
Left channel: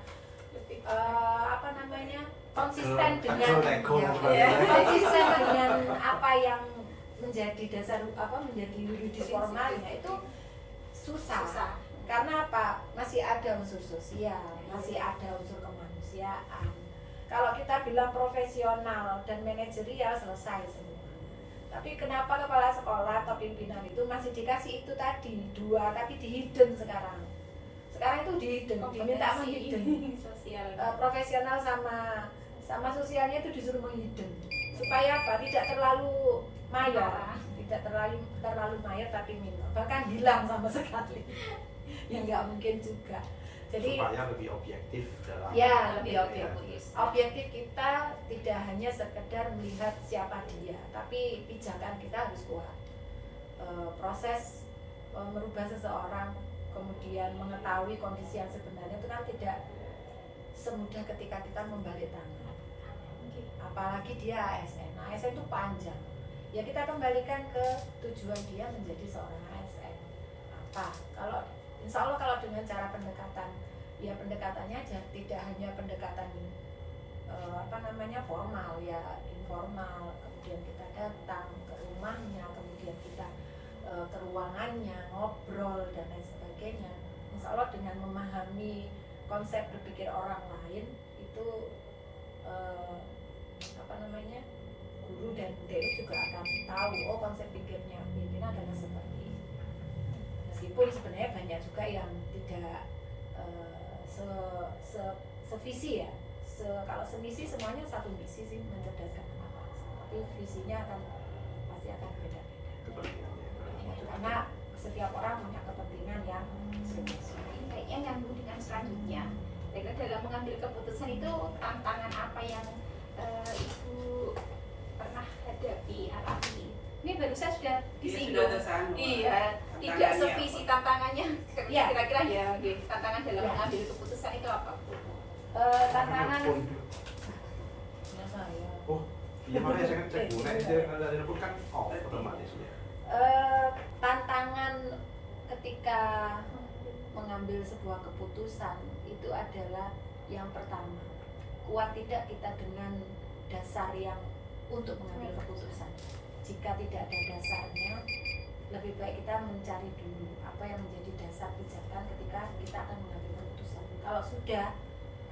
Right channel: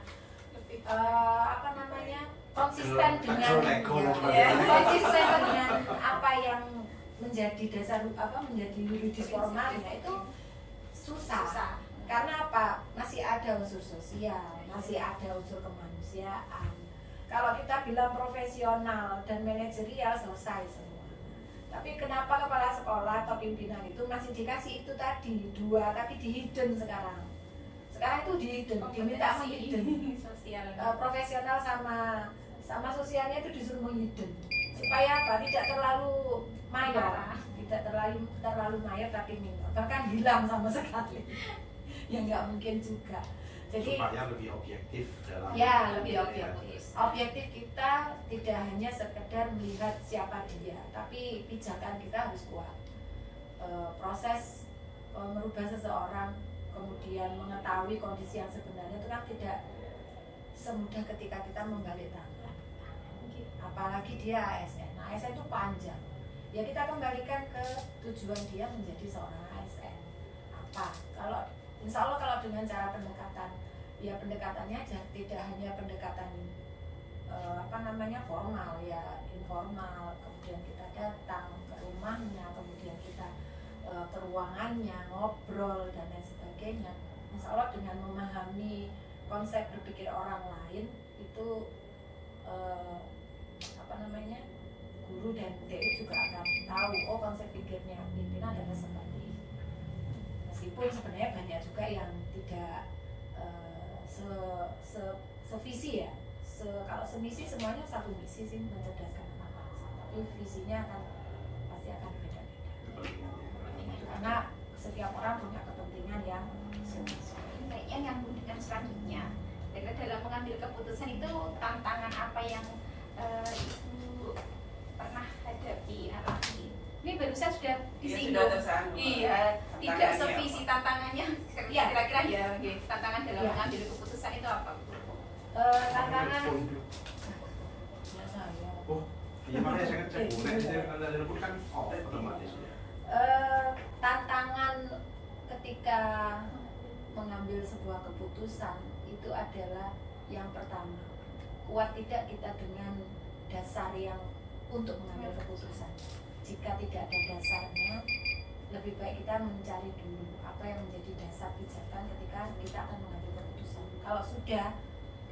konsisten dengan Lego dan ya, sebagainya. konsisten dengan apa yang menjadi dasar menjadi yuridis formalnya itu susah. Karena apa? Masih ada unsur sosial, masih ada unsur kemanusiaan. Kalau kita bilang profesional dan manajerial selesai semua. Tapi kenapa kepala sekolah atau pimpinan itu masih dikasih itu tadi 2 tapi di hidden sekarang? Sekarang itu di hidden, diminta menghidden. Sosial. Profesional sama sosialnya itu disuruh menghidden. Supaya apa? Tidak terlalu mayor, tidak terlalu mayor tapi minor. Bahkan hilang sama sekali. Ya nggak mungkin juga. Jadi supaya lebih objektif dalam. ya lebih Ya. objektif. Objektif kita tidak hanya sekedar melihat siapa dia, tapi pijakan kita harus kuat. Proses merubah seseorang, kemudian mengetahui kondisi yang sebenarnya itu kan tidak semudah ketika kita membalik tangan. Apalagi dia ASN. ASN itu panjang. Ya kita kembalikan ke tujuan dia menjadi seorang ASN. Apa? Insya Allah kalau dengan cara pendekatan, ya pendekatannya aja tidak hanya pendekatan formal, ya informal. Kemudian kita datang ke rumahnya, kemudian kita ke ruangannya, ngobrol dan lain sebagainya. Insya Allah dengan memahami konsep berpikir orang lain itu guru dan DU juga akan tahu konsep pikirnya pimpinan adalah seperti ini. Meskipun sebenarnya banyak juga yang tidak sevisi ya. Kalau semisi semuanya satu misi sih, mencerdaskan anak-anak, tapi visinya pasti akan beda-beda. Karena setiap orang punya kepentingan yang sesuai. Kayaknya nyambung dengan selanjutnya. Kira-kira dalam mengambil keputusan itu tantangan apa yang Ibu pernah hadapi, alami? Ini baru saya sudah Dia disinggung. sudah tersanggung. Iya, tidak Tantangannya sevisi tantangannya. Iya. Kira-kira ya, tantangan dalam Iya. mengambil keputusan itu apa, Bu? Tantangan ya saya Oh, iya mana saya cek boleh dia ada telepon kan otomatis ya. tantangan ketika mengambil sebuah keputusan itu adalah yang pertama, kuat tidak kita dengan dasar yang untuk mengambil keputusan. Jika tidak ada dasarnya, lebih baik kita mencari dulu apa yang menjadi dasar pijakan ketika kita akan mengambil keputusan. Kalau sudah,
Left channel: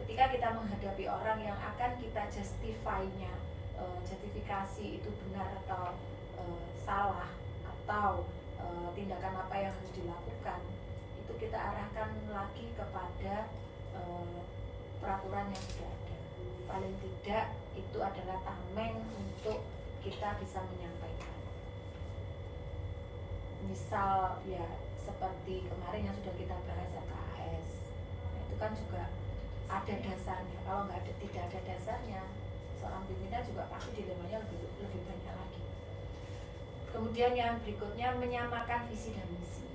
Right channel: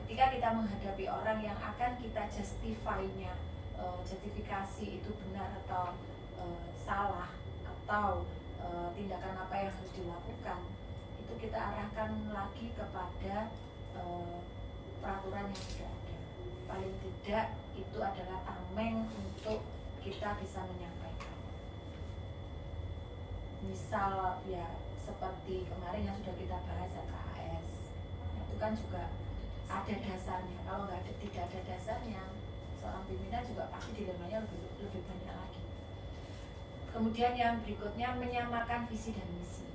ketika kita menghadapi orang yang akan kita justify-nya, justifikasi itu benar atau salah, atau tindakan apa yang harus dilakukan, itu kita arahkan lagi kepada peraturan yang sudah ada. Paling tidak itu adalah tameng untuk kita bisa menyampaikan. Misal ya seperti kemarin yang sudah kita bahas KHS, nah, itu kan juga ada dasarnya. Kalau tidak ada dasarnya, seorang pimpinan juga pasti dilemanya lebih banyak lagi. Kemudian yang berikutnya, menyamakan visi dan misi.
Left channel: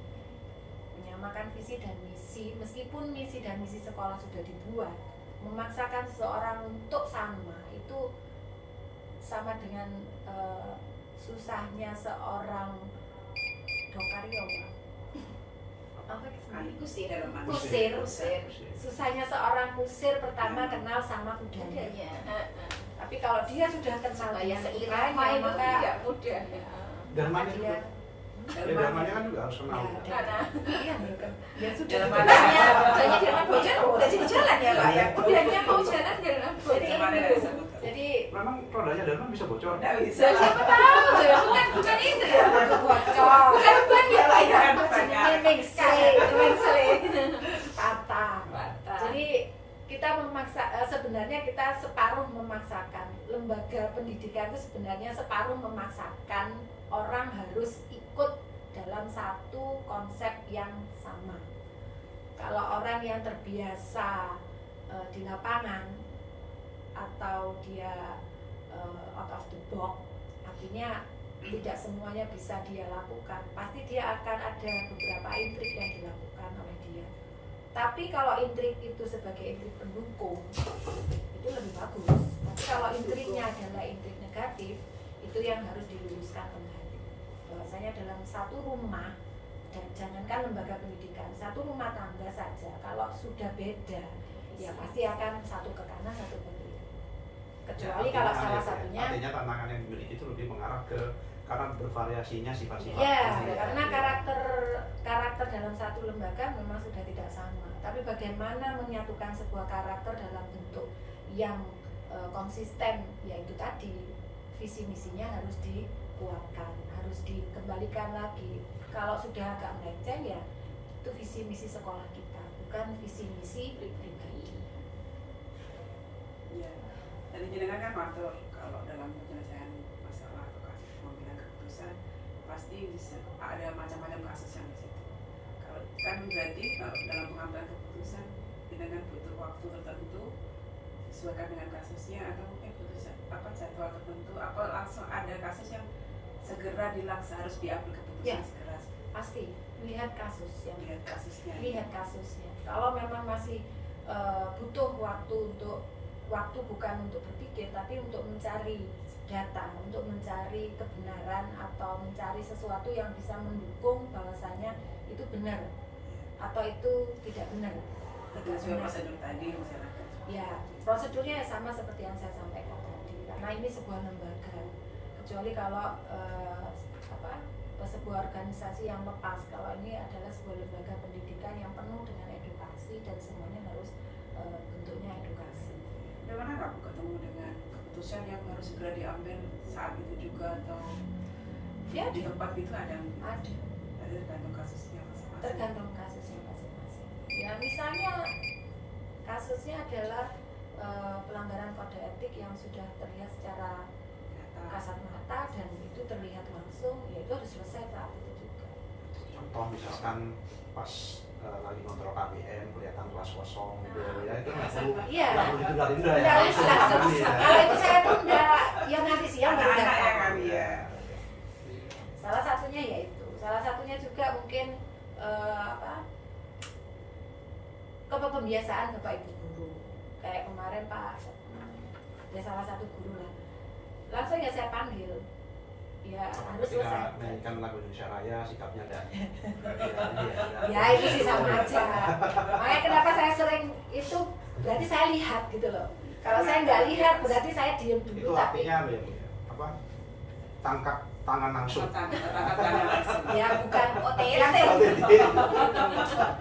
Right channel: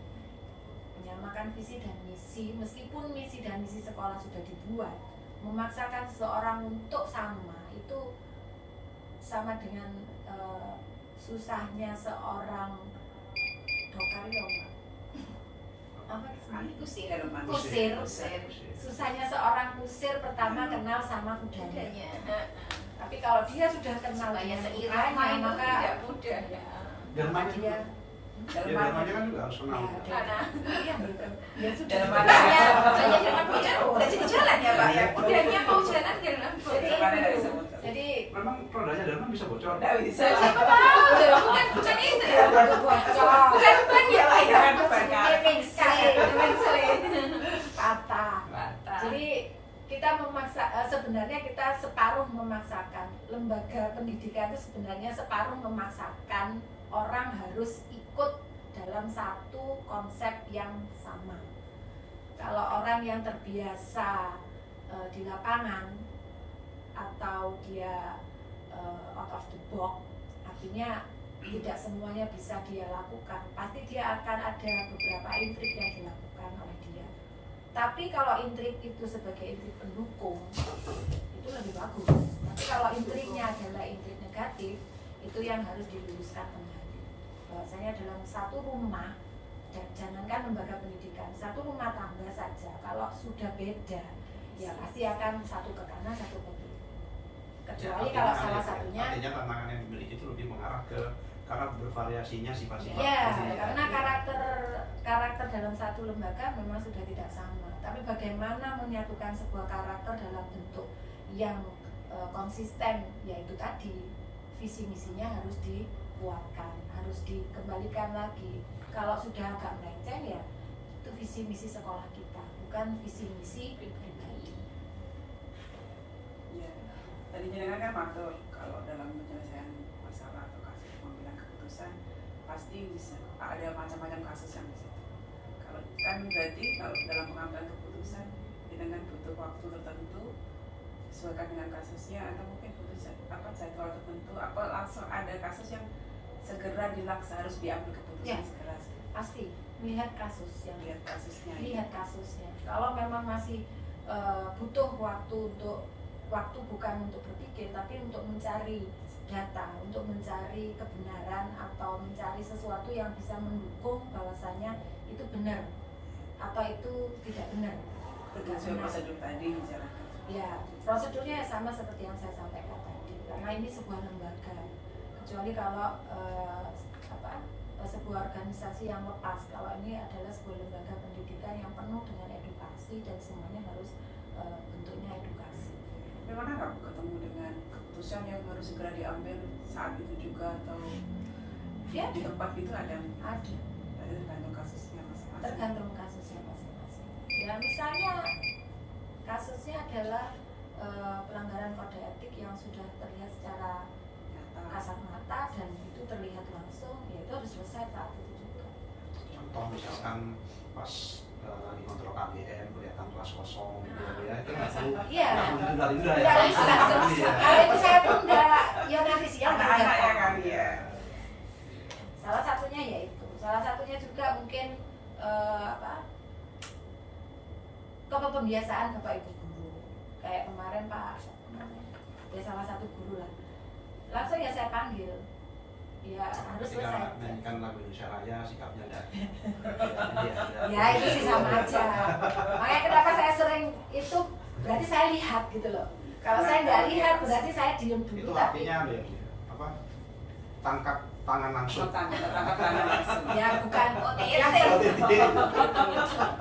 Menyamakan visi dan misi, meskipun misi dan misi sekolah sudah dibuat, memaksakan seseorang untuk sama itu sama dengan susahnya seorang Kusir. kusir. Susahnya seorang kusir pertama kenal sama kudanya. Tapi kalau dia sudah kenal Supaya dengan seirama kudanya, itu maka tidak mudah. Dan maka mana dia juga. Ya dalamnya kan juga harus kenal. ya, iya betul. Ya sudah. Dalam Udahnya jangan bocor, udah jadi jalan ya Pak ya. Udahnya mau jalan jalan. Jadi Mana itu. nggak bisa muter. Jadi Memang rodanya dalam bisa bocor. Nggak bisa. Siapa tahu? Bukan itu ya. Bukan ya Pak ya. sebenarnya kita separuh memaksakan. Lembaga pendidikan itu sebenarnya separuh memaksakan orang harus ikut dalam satu konsep yang sama. Kalau orang yang terbiasa di lapangan atau dia out of the box, artinya tidak semuanya bisa dia lakukan. Pasti dia akan ada beberapa intrik yang dilakukan oleh dia. Tapi kalau intrik itu sebagai intrik pendukung, itu lebih bagus. Tapi kalau intriknya adalah intrik negatif, itu yang harus diluruskan kembali. Bahwasanya dalam satu rumah, dan jangankan lembaga pendidikan, satu rumah tangga saja, kalau sudah beda, ya pasti akan satu ke kanan, satu ke kiri. Kecuali Ya, kalau artinya salah ya, satunya, artinya tantangan yang dimiliki itu lebih mengarah ke karena bervariasinya sifat-sifat. ya, ini karena ya. karakter dalam satu lembaga memang sudah tidak sama. Tapi bagaimana menyatukan sebuah karakter dalam bentuk yang konsisten, yaitu tadi visi misinya harus dikuatkan, harus dikembalikan lagi. Kalau sudah agak melenceng ya itu visi misi sekolah kita, bukan visi misi pribadi. Ya, tadi jenengan kan matur kalau dalam penyelesaian masalah atau kasus pengambilan keputusan pasti ada macam-macam kasus yang di situ. Kalau kan berarti kalau dalam pengambilan keputusan jenengan butuh waktu tertentu sesuaikan dengan kasusnya, atau mungkin butuh jadwal tertentu, apa langsung ada kasus yang segera harus diambil keputusan Ya. segera. Pasti lihat kasus yang Lihat kasusnya. lihat kasusnya. Kalau memang masih butuh waktu bukan untuk berpikir tapi untuk mencari data, untuk mencari kebenaran atau mencari sesuatu yang bisa mendukung bahwasanya itu benar atau itu tidak benar. Tidak Sesuai benar. prosedur tadi misalnya. Ya, prosedurnya sama seperti yang saya sampaikan tadi. Karena ini sebuah lembaga. Kecuali kalau sebuah organisasi yang lepas. Kalau ini adalah sebuah lembaga pendidikan yang penuh dengan edukasi dan semuanya harus bentuknya edukasi. Bagaimana kamu ketemu dengan keputusan yang harus segera diambil saat itu juga, atau Ya, di tempat itu ada ada. tergantung kasusnya masing-masing. Tergantung kasusnya masing-masing. Ya, misalnya kasusnya adalah pelanggaran kode etik yang sudah terlihat secara Nyata. kasat mata dan itu terlihat langsung, ya itu harus selesai saat itu juga. Contoh misalkan pas lagi kontrol KBM kelihatan kelas kosong gitu ya, itu nggak perlu Iya. nggak perlu ditunda-tunda ya. Tidak Langsung bisa. ambil ya. Kalau itu saya tunda, ya nanti siang baru Anak-anak ya datang. kan ya. Salah satunya yaitu, salah satunya juga mungkin kepembiasaan Bapak Ibu guru. Kayak kemarin Pak, ya salah satu guru lah. Langsung ya saya panggil. Ya harus Ketika selesai. mainkan lagu Indonesia Raya sikapnya enggak. Ya itu sih sama aja. Makanya kenapa saya sering itu, berarti saya lihat gitu loh. Kalau saya nggak lihat berarti saya diem Itu dulu tapi artinya ya, Bu, apa? Tangkap tangan langsung. Tangkap tangan langsung. ya bukan OTT.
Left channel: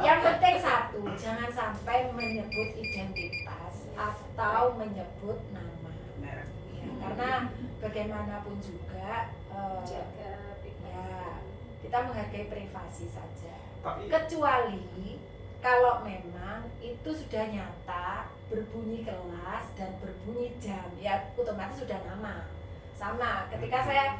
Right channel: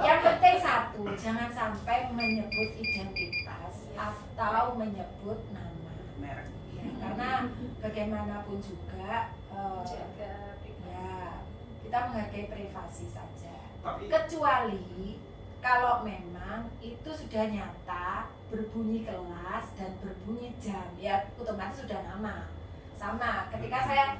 yang penting satu, jangan sampai menyebut identitas atau menyebut nama. Merek. Ya, karena bagaimanapun juga Jaga privasi. ya kita menghargai privasi saja. Tapi Kecuali kalau memang itu sudah nyata berbunyi kelas dan berbunyi jam, ya otomatis sudah nama. Sama ketika saya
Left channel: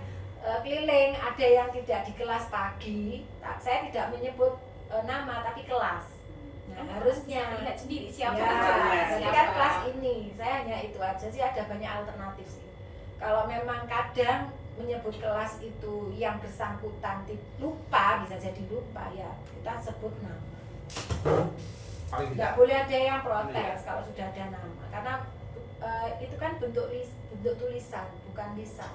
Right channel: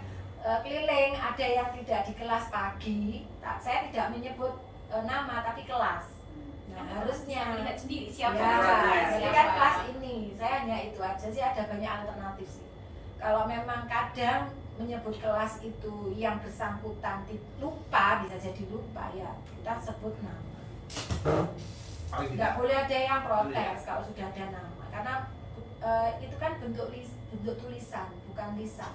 keliling ada yang tidak di kelas pagi, saya tidak menyebut nama tapi kelas. Nah harusnya lihat sendiri siapa ya, namanya, jadi siapa. kan kelas ini saya hanya itu aja sih, ada banyak alternatif sih. Kalau memang kadang menyebut kelas itu yang bersangkutan lupa, bisa jadi lupa ya kita sebut nama. paling Nggak tidak boleh ada yang protes kalau sudah ada nama, karena itu kan bentuk tulisan bukan lisan.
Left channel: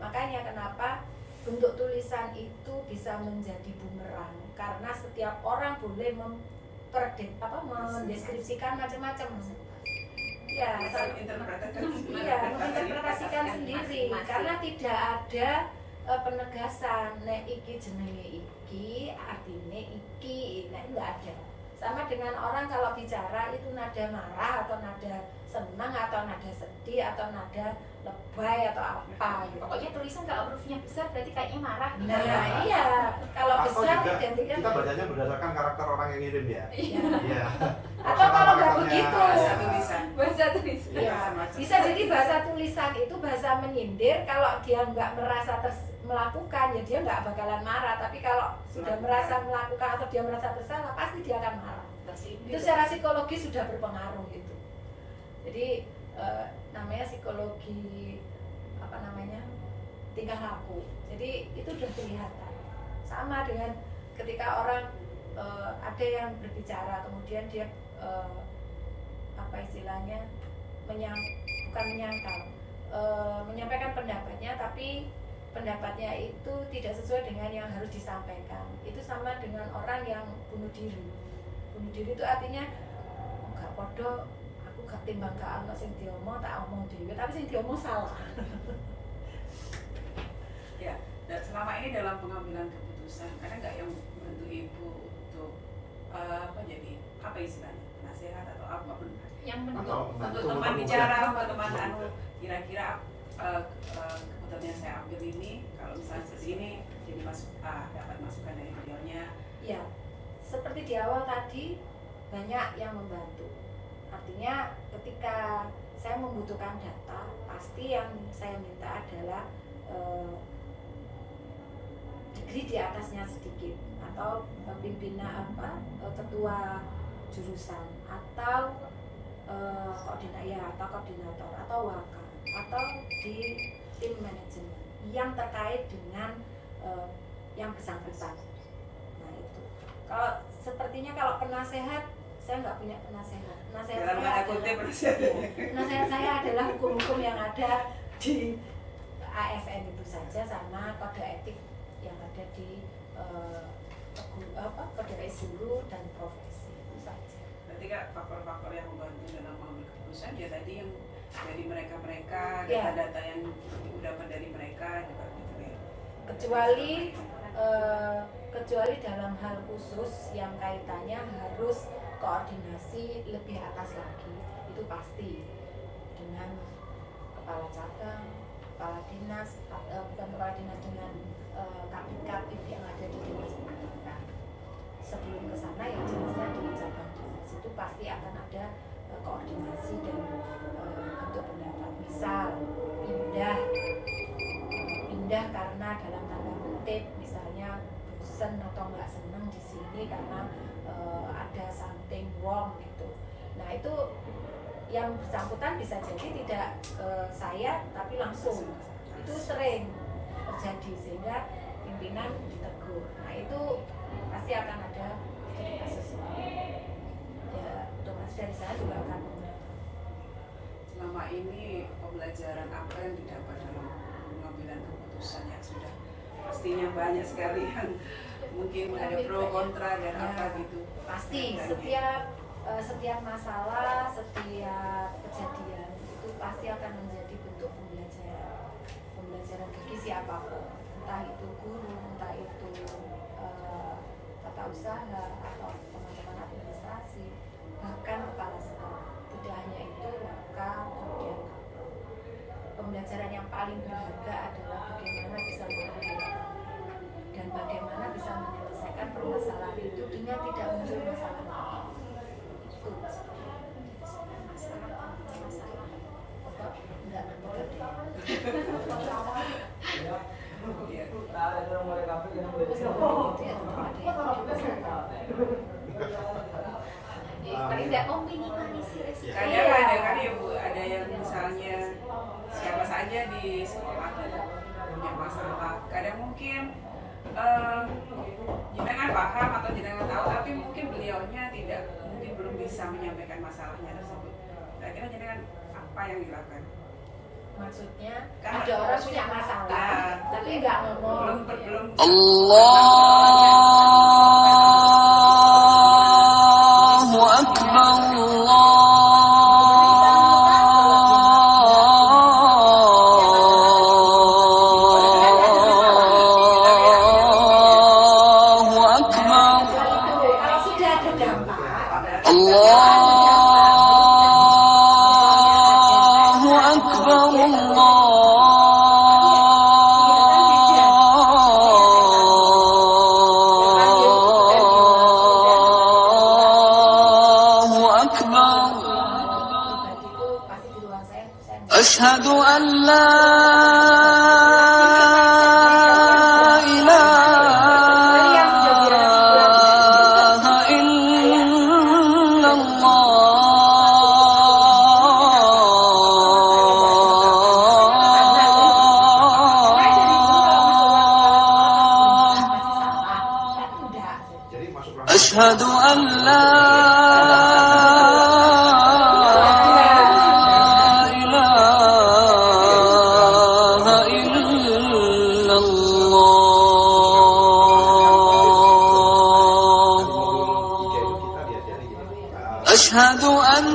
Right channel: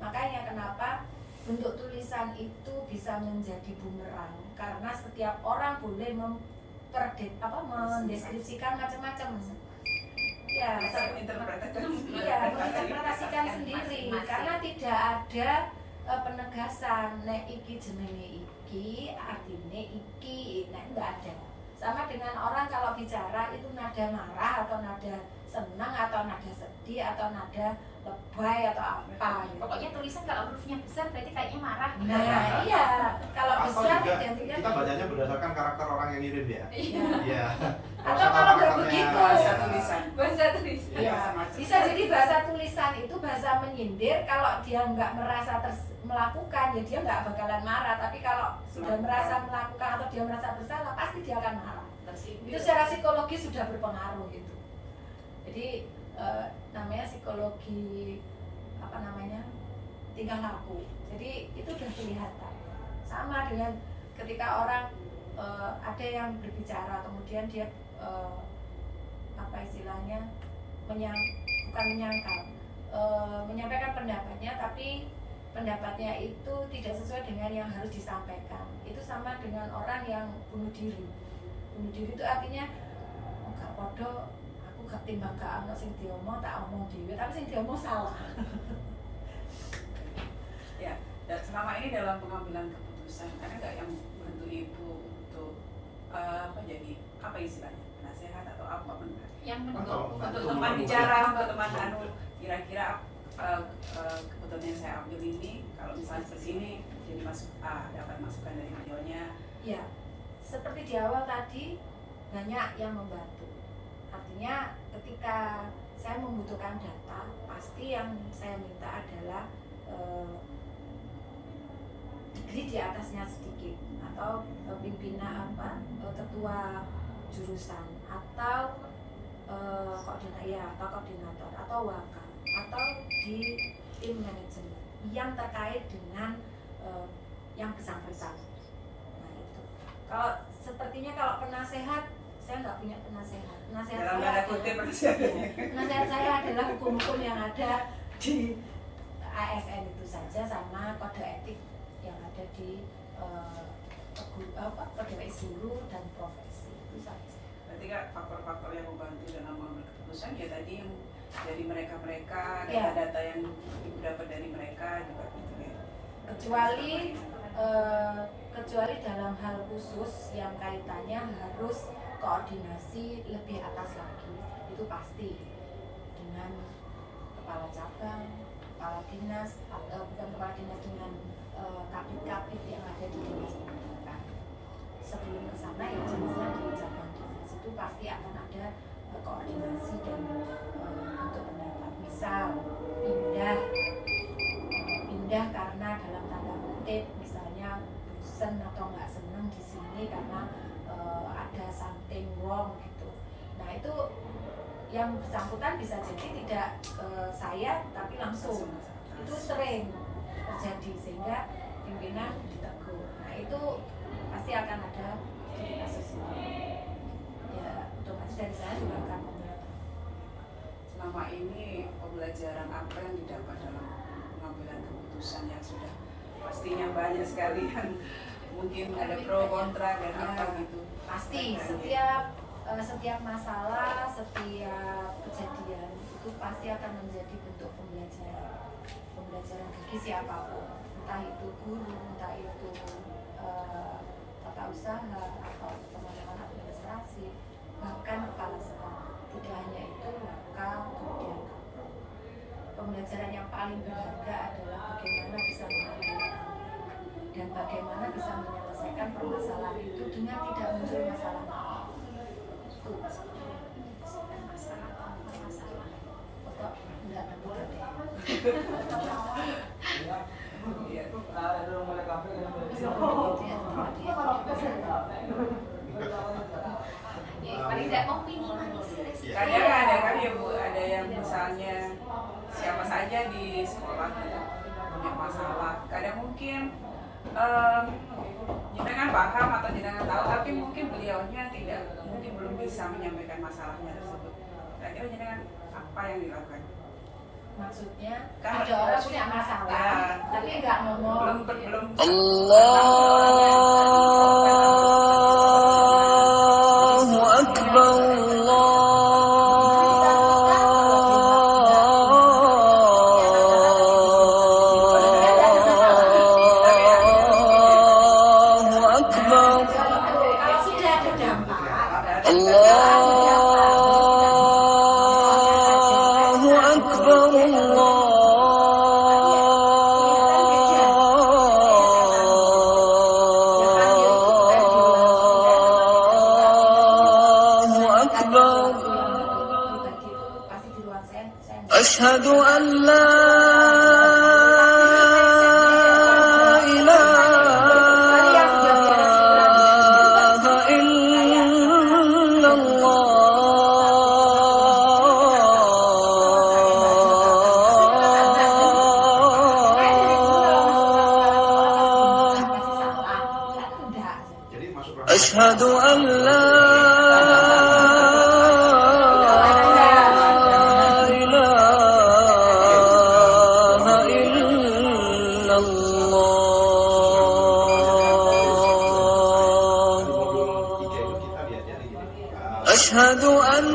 Makanya kenapa bentuk tulisan itu bisa menjadi bumerang, karena setiap orang boleh mendeskripsikan macam-macam. Ya, iya, menginterpretasikan sendiri karena tidak ada penegasan nek iki jenenge iki artinya iki, nek enggak ada. Sama dengan orang kalau bicara itu nada marah atau nada senang atau nada sedih atau nada lebay atau apa gitu. Pokoknya tulisan kalau hurufnya besar berarti kayaknya marah. Nah iya, kalau pasti atau besar juga identiknya kita bacanya berdasarkan karakter orang yang ngirim ya. Iya. Iya. Atau kalau nggak karakternya- begitu, bahasa tulisan. Bahasa tulisan. Iya. Ya, bisa jadi bahasa tulisan itu bahasa menyindir. Kalau dia nggak merasa melakukan, ya dia nggak bakalan marah. Tapi kalau sudah merasa melakukan atau dia merasa bersalah, pasti dia akan marah. Itu secara psikologis sudah berpengaruh gitu. Jadi namanya psikologi apa namanya tingkah laku. Jadi itu sudah kelihatan. Sama dengan ketika orang ada yang berbicara, kemudian dia apa istilahnya bukan menyangkal, menyampaikan pendapatnya, tapi pendapatnya itu tidak sesuai dengan yang harus disampaikan. Itu sama dengan orang yang bunuh diri. Bunuh diri itu artinya gak podo, aku gak timbang gak ono sing diomong tak omong dhewe, tapi sing diomong salah. Ya, dan selama ini dalam pengambilan keputusan ada nggak yang membantu ibu untuk apa jadi apa istilahnya nasihat atau apa benar? Yang Atau Untuk membantu teman mempermudah. bicara, untuk teman anu kira-kira keputusan yang saya ambil ini kalau misalnya seperti ini jadi dapat masukan dari beliaunya. Ya, seperti di awal tadi banyak yang membantu. Artinya ketika saya membutuhkan data, pasti yang saya minta adalah degree di atasnya sedikit, atau pimpinan ketua jurusan, atau koordinator atau wakil, atau di tim manajemen yang terkait dengan yang bersangkutan. Nah itu. Kalau sepertinya kalau penasehat, saya nggak punya penasehat. Penasehat Dalam saya tanda kutip adalah, penasehat. penasehat saya adalah hukum-hukum yang ada di ASN itu saja, sama kode etik yang ada di kode etik guru dan profesi itu saja. Berarti kan faktor-faktor yang membantu dalam mengambil keputusan ya tadi yang dari mereka-mereka, Iya. data-data yang ibu dapat dari mereka juga gitu ya. Kecuali dalam hal khusus yang kaitannya harus koordinasi lebih atas lagi, itu pasti dengan kepala cabang, kepala dinas, bukan kepala dinas, dengan kapit-kapit yang ada di dinas pendidikan. Sebelum ke sana ya jelasnya di cabang dinas itu pasti akan ada koordinasi dan bentuk pendapat. Misal pindah karena dalam tanda kutip misalnya bosen atau nggak seneng di sini karena ada something wrong gitu. Nah itu yang bersangkutan bisa jadi tidak saya tapi langsung. Itu sering terjadi sehingga pimpinan ditegur. Nah itu pasti akan ada kasus. Ya otomatis dari saya juga akan membantu. Selama ini pembelajaran apa yang didapat dalam pengambilan keputusan yang sudah pastinya banyak sekali yang mungkin ada pro kontra dan apa gitu. Pasti setiap masalah, setiap kejadian itu pasti akan menjadi bentuk pembelajaran bagi siapapun, entah itu guru, entah itu tata usaha atau teman-teman administrasi, bahkan kepala sekolah. Tidak hanya itu, wakil, kemudian kapro. Pembelajaran yang paling berharga adalah bagaimana bisa mengendalikan dan bagaimana bisa menyelesaikan permasalahan itu dengan tidak muncul masalah lagi. Itu paling tidak mau minimalisir resiko. Kadang ada kan ya Bu, ada yang misalnya siapa saja di sekolah itu punya masalah. Kadang mungkin jenengan paham atau jenengan tahu, tapi mungkin beliaunya tidak, mungkin belum bisa menyampaikan masalahnya tersebut. Kira-kira jenengan apa yang dilakukan? maksudnya Kan ada orang punya masalah tapi nggak ngomong. belum Allahu Akbar, Allahu Akbar, Kalau sudah ada dampak, Allahu Akbar, أشهد أن لا إله إلا الله Jadi masuk أشهد أن لا إله إلا الله di modul 3 itu kita diajari gini. أشهد أن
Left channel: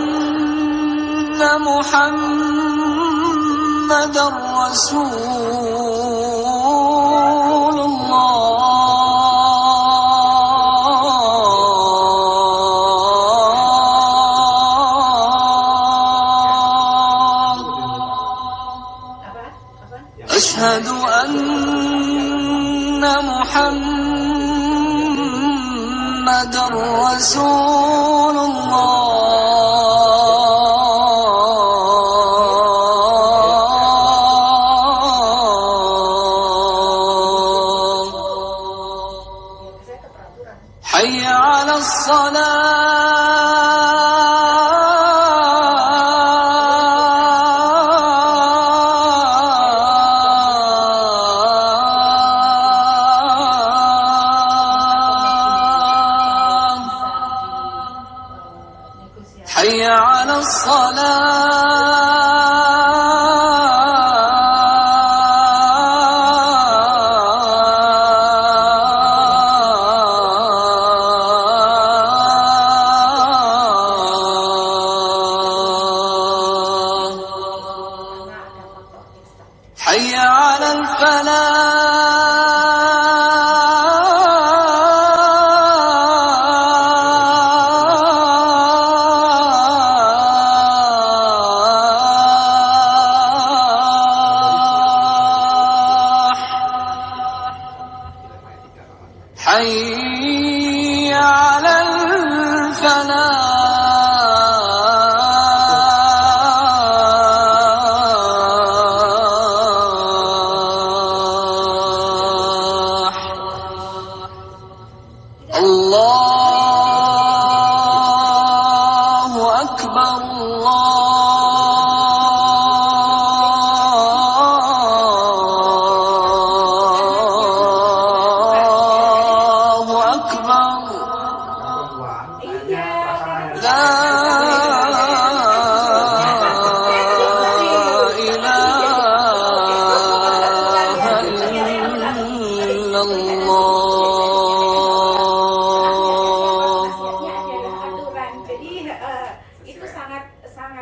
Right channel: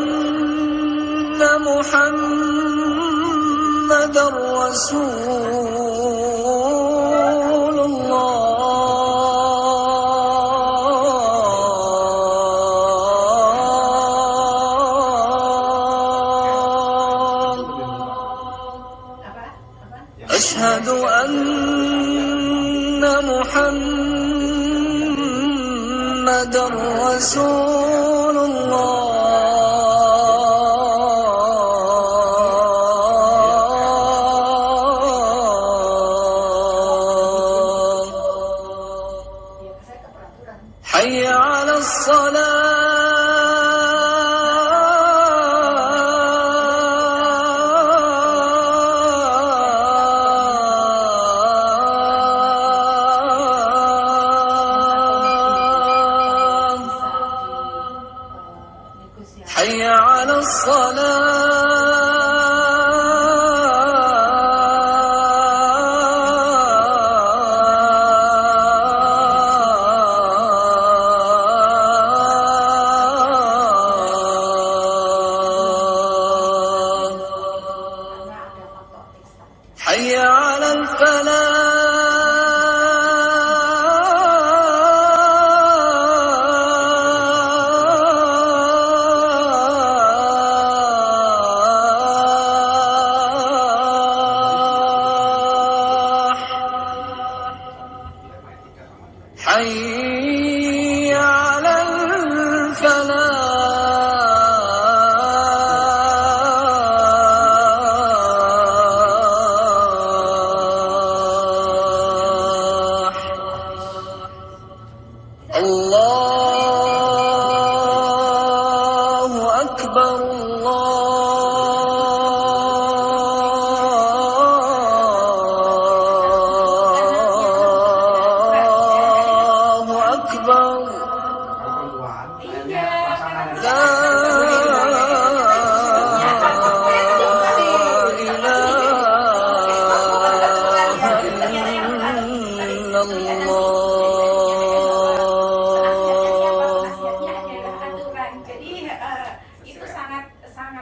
محمد رسول الله Apa? أشهد أن محمد رسول الله Ya, saya ke peraturan. حي على الصلاة Negosiasi. حي على الصلاة Karena ada faktor X tadi. حي على الفلاح حي على الفلاح الله أكبر الله أكبر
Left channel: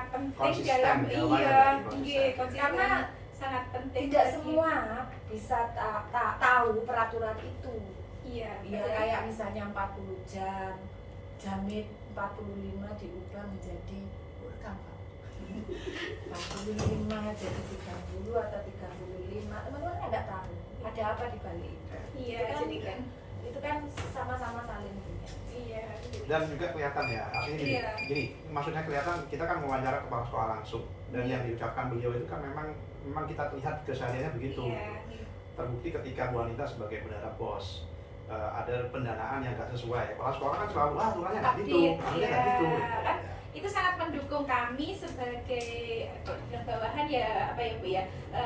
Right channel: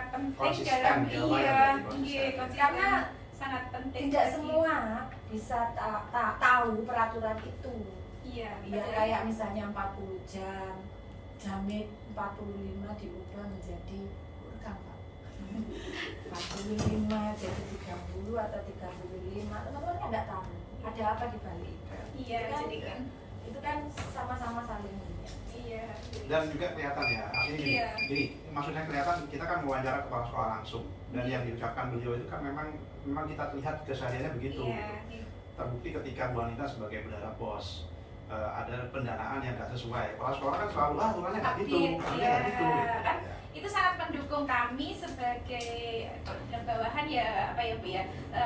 penting Konsisten, dalam jawabannya iya, berarti konsisten. iya, konsisten. Karena sangat penting. tidak semua bisa tahu peraturan itu. Iya, Ya betul. kayak misalnya 40 jam, jamit 45 diubah menjadi rekam Pak. 45 jadi 30 atau 35. Teman-teman kan nggak tahu ada apa di balik itu. Iya, Itu kan- jadi kan. Itu kan sama-sama saling ini. Iya. Dan juga kelihatan ya, artinya gini, Iya. gini, maksudnya kelihatan kita kan mewawancara kepala sekolah langsung, dan yang diucapkan beliau itu kan memang kita lihat kesehariannya begitu. Iya. Terbukti ketika Bu Anita sebagai bendahara BOS, ada pendanaan yang nggak sesuai. Kepala sekolah kan selalu aturannya nggak gitu, Update, aturannya nggak iya. gitu. Kan itu sangat mendukung kami sebagai bawahan ya apa ya Bu ya,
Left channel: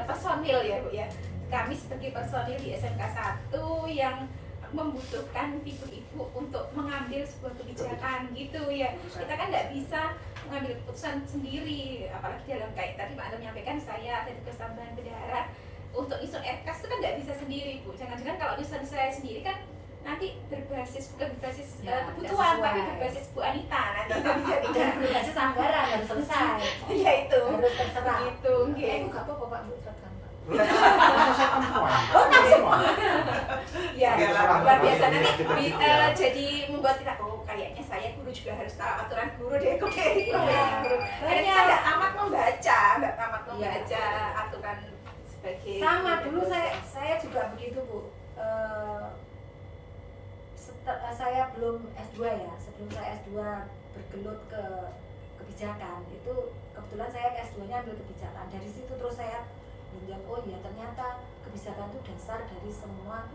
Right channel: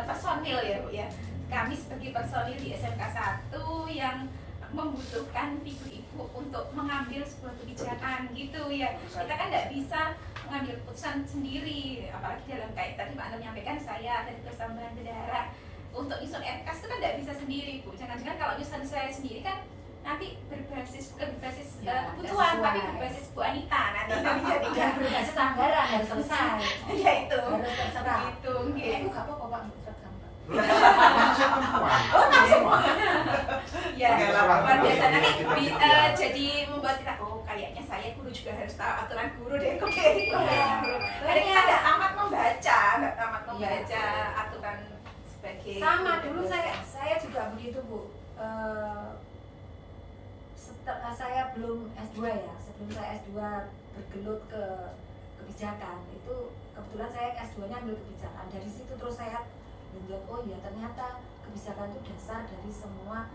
personil ya Bu ya. Kami sebagai personil di SMK 1 yang membutuhkan figur ibu untuk mengambil sebuah kebijakan gitu ya. Kita kan nggak bisa mengambil keputusan sendiri, apalagi dalam kayak tadi Pak Anu menyampaikan saya ada di persambahan bendahara untuk nyusun RKS itu kan nggak bisa sendiri Bu. Jangan-jangan kalau nyusun saya sendiri kan nanti berbasis bukan berbasis Ya, kebutuhan sesuai. tapi berbasis Bu Anita nanti kan Dan jadinya. berbasis anggaran harus selesai. Ya itu. Harus terserah. Gitu, Itu nggih. nggak apa-apa Pak Bu tetap. Oh, Ya, Terserah. luar biasa nanti Kita gitu di- ya. jadi membuat kita kayaknya saya guru juga harus tahu aturan guru deh kok kayak gitu profesi guru. Akhirnya kita nggak tamat membaca aturan sebagai Sama guru. dulu saya juga begitu Bu. Setelah saya belum S2 ya, sebelum saya S2 bergelut ke kebijakan. Itu kebetulan saya S2-nya ambil kebijakan. Dari situ terus saya menjawab, oh iya ternyata kebijakan itu dasar dari semua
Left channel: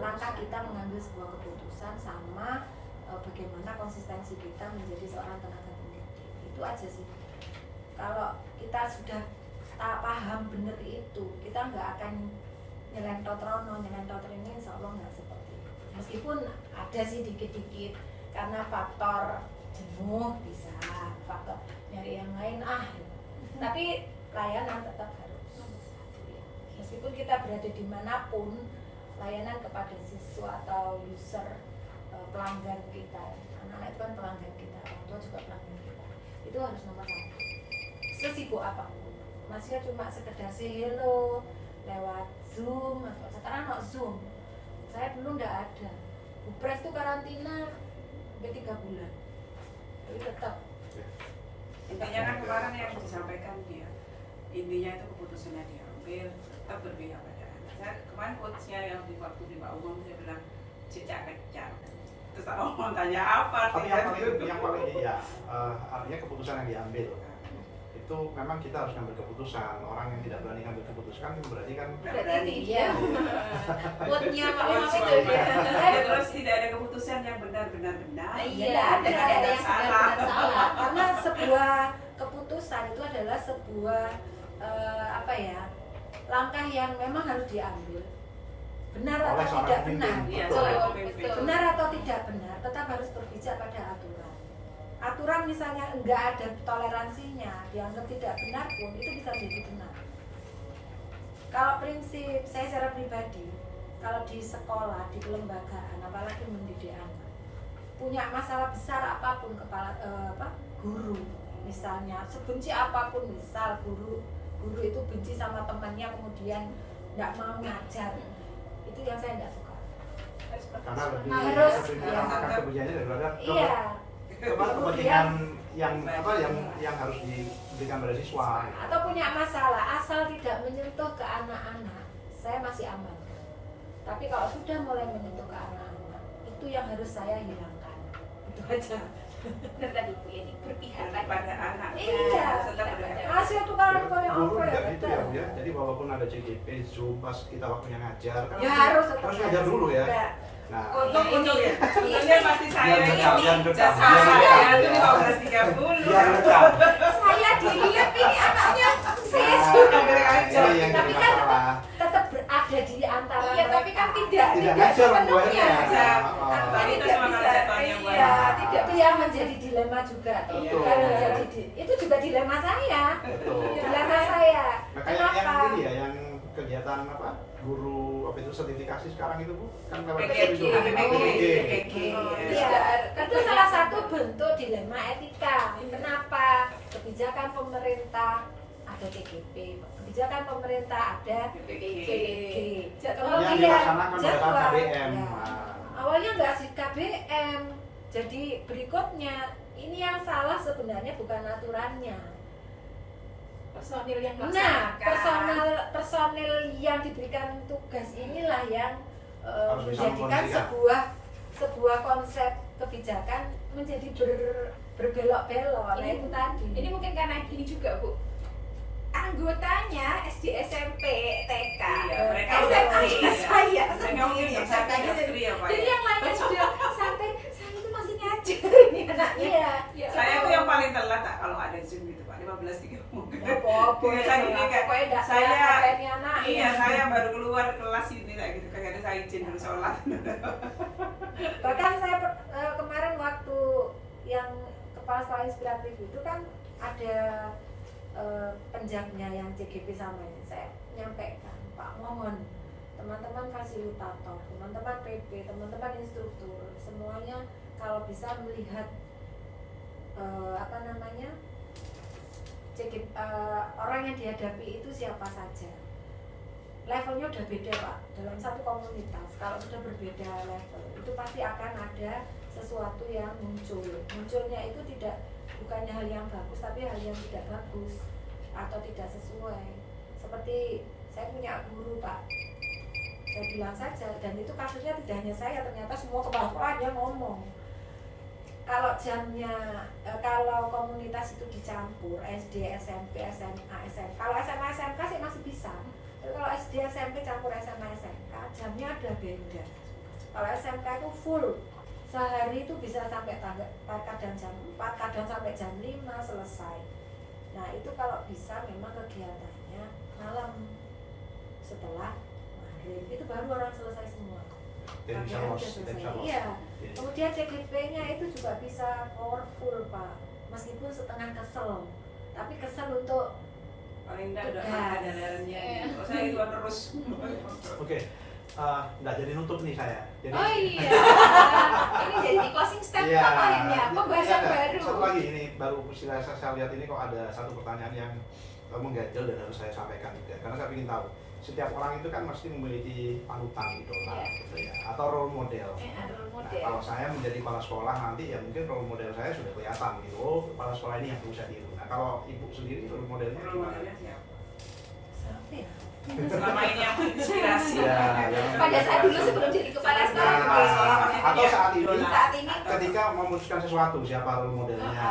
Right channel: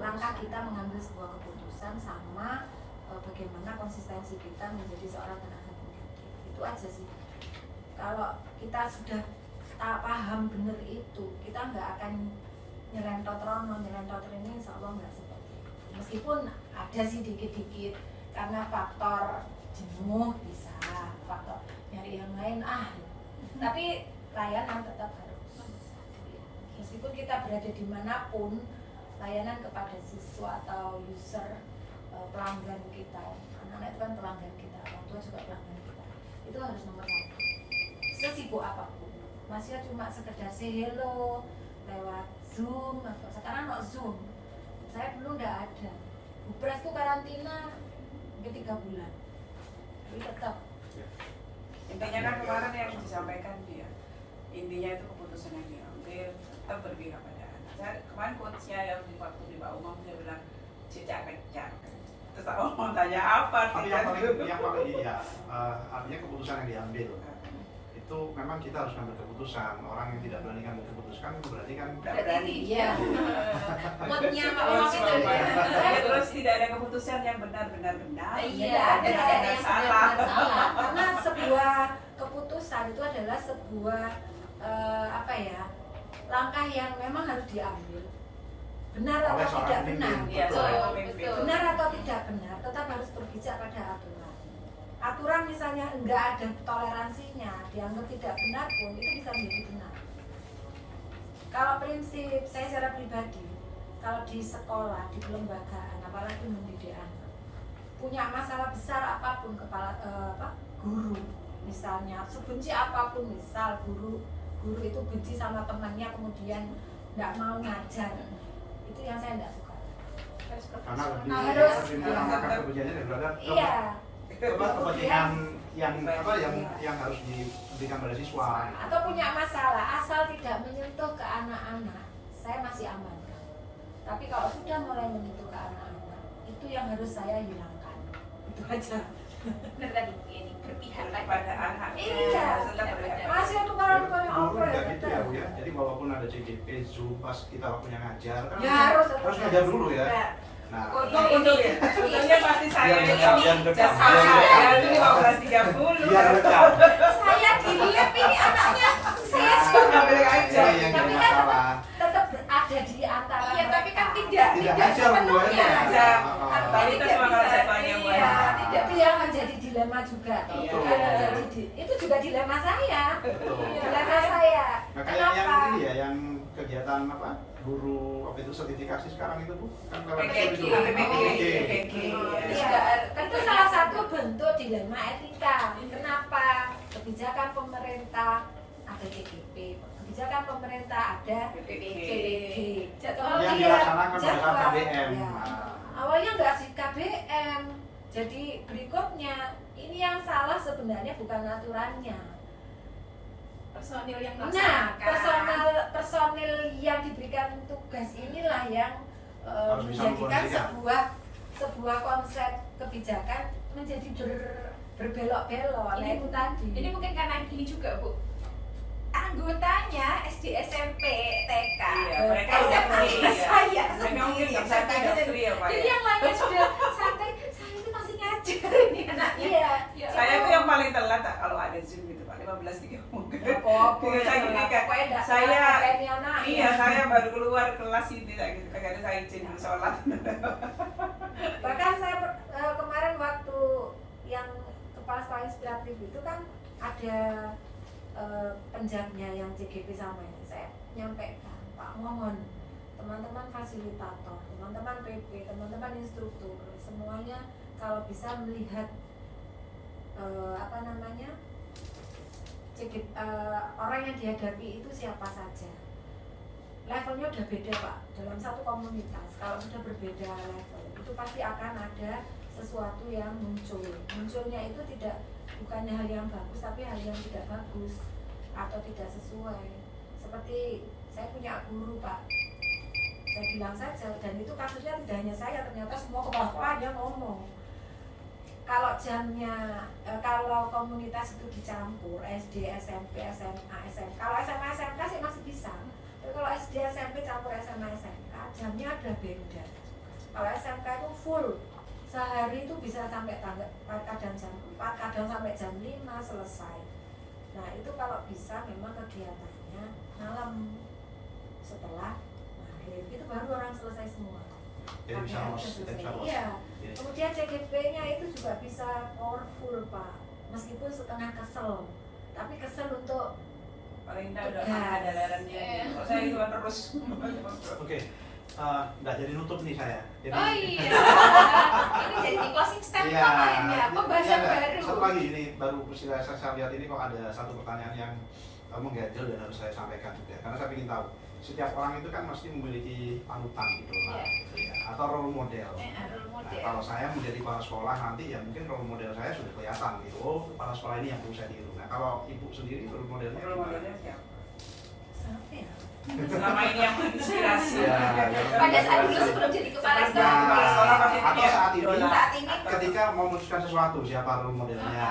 langkah kita mengambil sebuah keputusan sama bagaimana konsistensi kita menjadi seorang tenaga pendidik. Itu aja sih. Kalau kita sudah paham bener itu, kita nggak akan nyelentot rono, nyelentot ini, insya Allah nggak seperti itu. Meskipun ada sih dikit-dikit karena faktor jenuh bisa, faktor nyari yang lain tapi layanan tetap harus. Meskipun kita berada dimanapun, layanan kepada siswa atau user, pelanggan kita, anak-anak itu kan pelanggan kita, orang tua juga pelanggan kita, itu harus nomor 1. Sesibuk apapun, masih cuma sekedar say hello lewat Zoom, sekarang no Zoom, saya dulu nggak ada. Bupres itu karantina sampai 3 bulan, tapi tetap. Intinya kan kemarin yang disampaikan dia, intinya itu keputusannya diambil, tetap berpihak pada anak. Saya kemarin quotes-nya yang di waktu di Mbak Umum dia bilang jejak pecah. Terus aku mau tanya apa? Tapi yang paling ya artinya keputusan yang diambil itu memang kita harus ngambil keputusan. Orang yang tidak berani ngambil keputusan berarti kan Berarti iya. Moodnya Pak Oh, Umam itu ya. Terus tidak ada keputusan yang benar-benar benar. Iya, dan tidak ada yang benar-benar salah. Karena sebuah keputusan itu adalah sebuah langkah yang memang harus diambil. Benar oleh atau seorang tidak pemimpin. benar, Iya, Betul. seorang pemimpin. benar atau tidak benar, tetap harus berpijak pada aturan. Aturan misalnya enggak ada toleransinya, dianggap tidak benar pun itu bisa menjadi benar. Kalau prinsip saya secara pribadi, kalau di sekolah, di kelembagaan, apalagi mendidik anak, punya masalah besar apapun guru, misalnya sebenci apapun, misal guru itu benci sama temannya kemudian nggak mau ngajar, itu yang saya nggak suka. harus karena lebih profesional. Harus, lebih ya. menggunakan kebenciannya daripada Iya, kepentingan yang harus diberikan pada siswa. atau punya masalah asal tidak menyentuh ke anak-anak, saya masih amankan. Tapi kalau sudah mulai menyentuh ke anak-anak, itu yang harus saya hilangkan. Itu aja. Benar tadi Bu Yeni, berpihak pada anak. Iya. Setelah berada. Masih itu kalau punya Guru apa ya? juga gitu ya Bu ya. Jadi walaupun ada CDP, Zoom pas kita waktunya ngajar kan Ya harus ngajar dulu ya. Nah, Untungnya pasti saya Yang rekam, yang rekam, saya yang dari rekam. 15.30. biar rekam. Saya dilep ini anaknya saya Nah, suka ini yang tapi jadi kan masalah. tetap ada di antara Iya, tapi kan mereka. Tidak ngajar Bu sepenuhnya. akhirnya. Tapi Tidak itu bisa. konsepnya Bu. Iya, itu yang menjadi dilema juga. Betul. Kan menjadi itu juga dilema saya. Betul. Dilema saya. Makanya Kenapa? yang ini ya, yang kegiatan apa? Guru apa itu sertifikasi sekarang itu Bu kan lewat PPG. Zoom itu. PPG. Iya, itu salah satu bentuk dilema etika. Kenapa? Kebijakan pemerintah ada TGP, kebijakan pemerintah ada PPG. PPG. Yang dilaksanakan oleh jadwal. KBM. Ya. Nah, Awalnya nggak sih KBM. Jadi berikutnya ini yang salah sebenarnya bukan aturannya. Personil yang Nah, melaksanakan. personil yang diberikan tugas inilah yang Harus bisa menjadikan mengkondisikan. sebuah konsep kebijakan menjadi berbelok-belok. Nah, itu tadi. Ini mungkin karena gini juga Bu, anggotanya SD, SMP, TK, Iya, mereka SMA udah free, ya. saya Mereka mungkin sendiri. saya tanya free ya Pak. Jadi ya. yang lainnya sudah santai, saya itu masih ngajar ini anaknya. Iya. Ya, Saya tuh yang paling telat tak kalau ada Zoom gitu Pak, 15.30. Apa-apa, Iya, saya gini kan, pokoknya nggak saya kayak ini anak. iya saya baru keluar kelas ini tak gitu, kadang saya izin dulu sholat. Bahkan saya kemarin waktu yang kepala sekolah inspiratif itu kan ada penjaganya yang CGP sama ini, saya nyampaikan, Pak mohon teman-teman fasilitator, teman-teman PP, teman-teman instruktur, semuanya kalau bisa melihat orang yang dihadapi itu siapa saja. Levelnya udah beda Pak, dalam satu komunitas kalau sudah berbeda level itu pasti akan ada sesuatu yang munculnya itu bukannya hal yang bagus tapi hal yang tidak bagus atau tidak sesuai. Seperti saya punya guru Pak, saya bilang saja, dan itu kasusnya tidak hanya saya, ternyata semua kepala sekolah dia ngomong kalau jamnya kalau komunitas itu dicampur SD, SMP, SMA, SMK. Kalau SMA, SMK sih masih bisa. Tapi kalau SD, SMP campur SMA, SMK, jamnya ada beda. Kalau SMK itu full. Sehari itu bisa sampai kadang jam 4, kadang sampai jam 5 selesai. Nah, itu kalau bisa memang kegiatannya malam setelah maghrib. Itu baru orang selesai semua. Jadi bisa Maghrib los, udah kita selesai. bisa los. Iya. Iya. Kemudian CGP-nya itu juga bisa powerful, Pak. Meskipun setengah kesel, tapi kesel untuk paling tidak udah makan ada lerengnya. Kalau saya itu kan terus. Oke, nggak jadi nutup nih saya. Jadi, Oh iya. Ini jadi closing statement Iya, ya, pembahasan iya, nggak. baru. Satu lagi ini baru saya lihat ini kok ada satu pertanyaan yang mengganjal dan harus saya sampaikan juga. Karena saya ingin tahu setiap orang itu kan mesti memiliki panutan idola, Iya. gitu ya, atau role model. Role Nah, model. kalau saya menjadi kepala sekolah nanti ya mungkin role model saya sudah kelihatan gitu. Oh, kepala sekolah ini yang perlu saya tiru. Nah, kalau ibu sendiri role modelnya Role gimana? modelnya siapa? sampai ya. Selama ini yang menginspirasi. Ya, yang Pada saat dulu sebelum jadi kepala Nah, sekolah. Kepala sekolah pasti atau punya saat ini, idola. Saat ini ketika memutuskan sesuatu siapa role modelnya?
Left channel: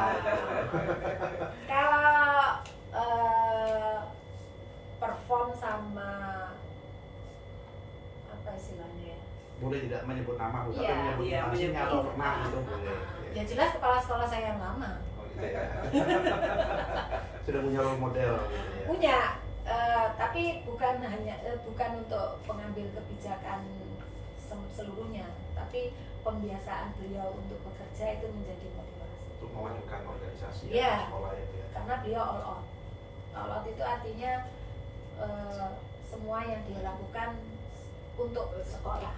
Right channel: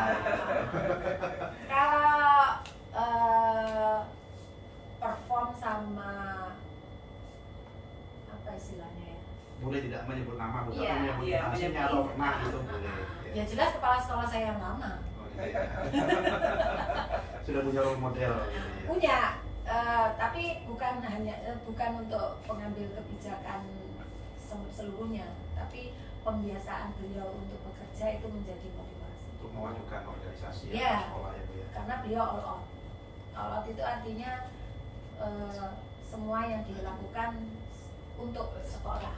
Kalau perform sama apa istilahnya ya? Boleh tidak menyebut nama, Bu, tapi Iya, menyebut iya, instansinya menyebut. atau pernah gitu boleh. Ya jelas kepala sekolah saya yang lama. Oh, gitu ya. Sudah punya role model gitu ya. Punya, tapi bukan untuk pengambil kebijakan seluruhnya, tapi pembiasaan beliau untuk bekerja itu menjadi motivasi. Untuk memajukan organisasi Iya. sekolah ya, Bu, ya. Karena beliau all out. All out itu artinya semua yang dia lakukan untuk sekolah,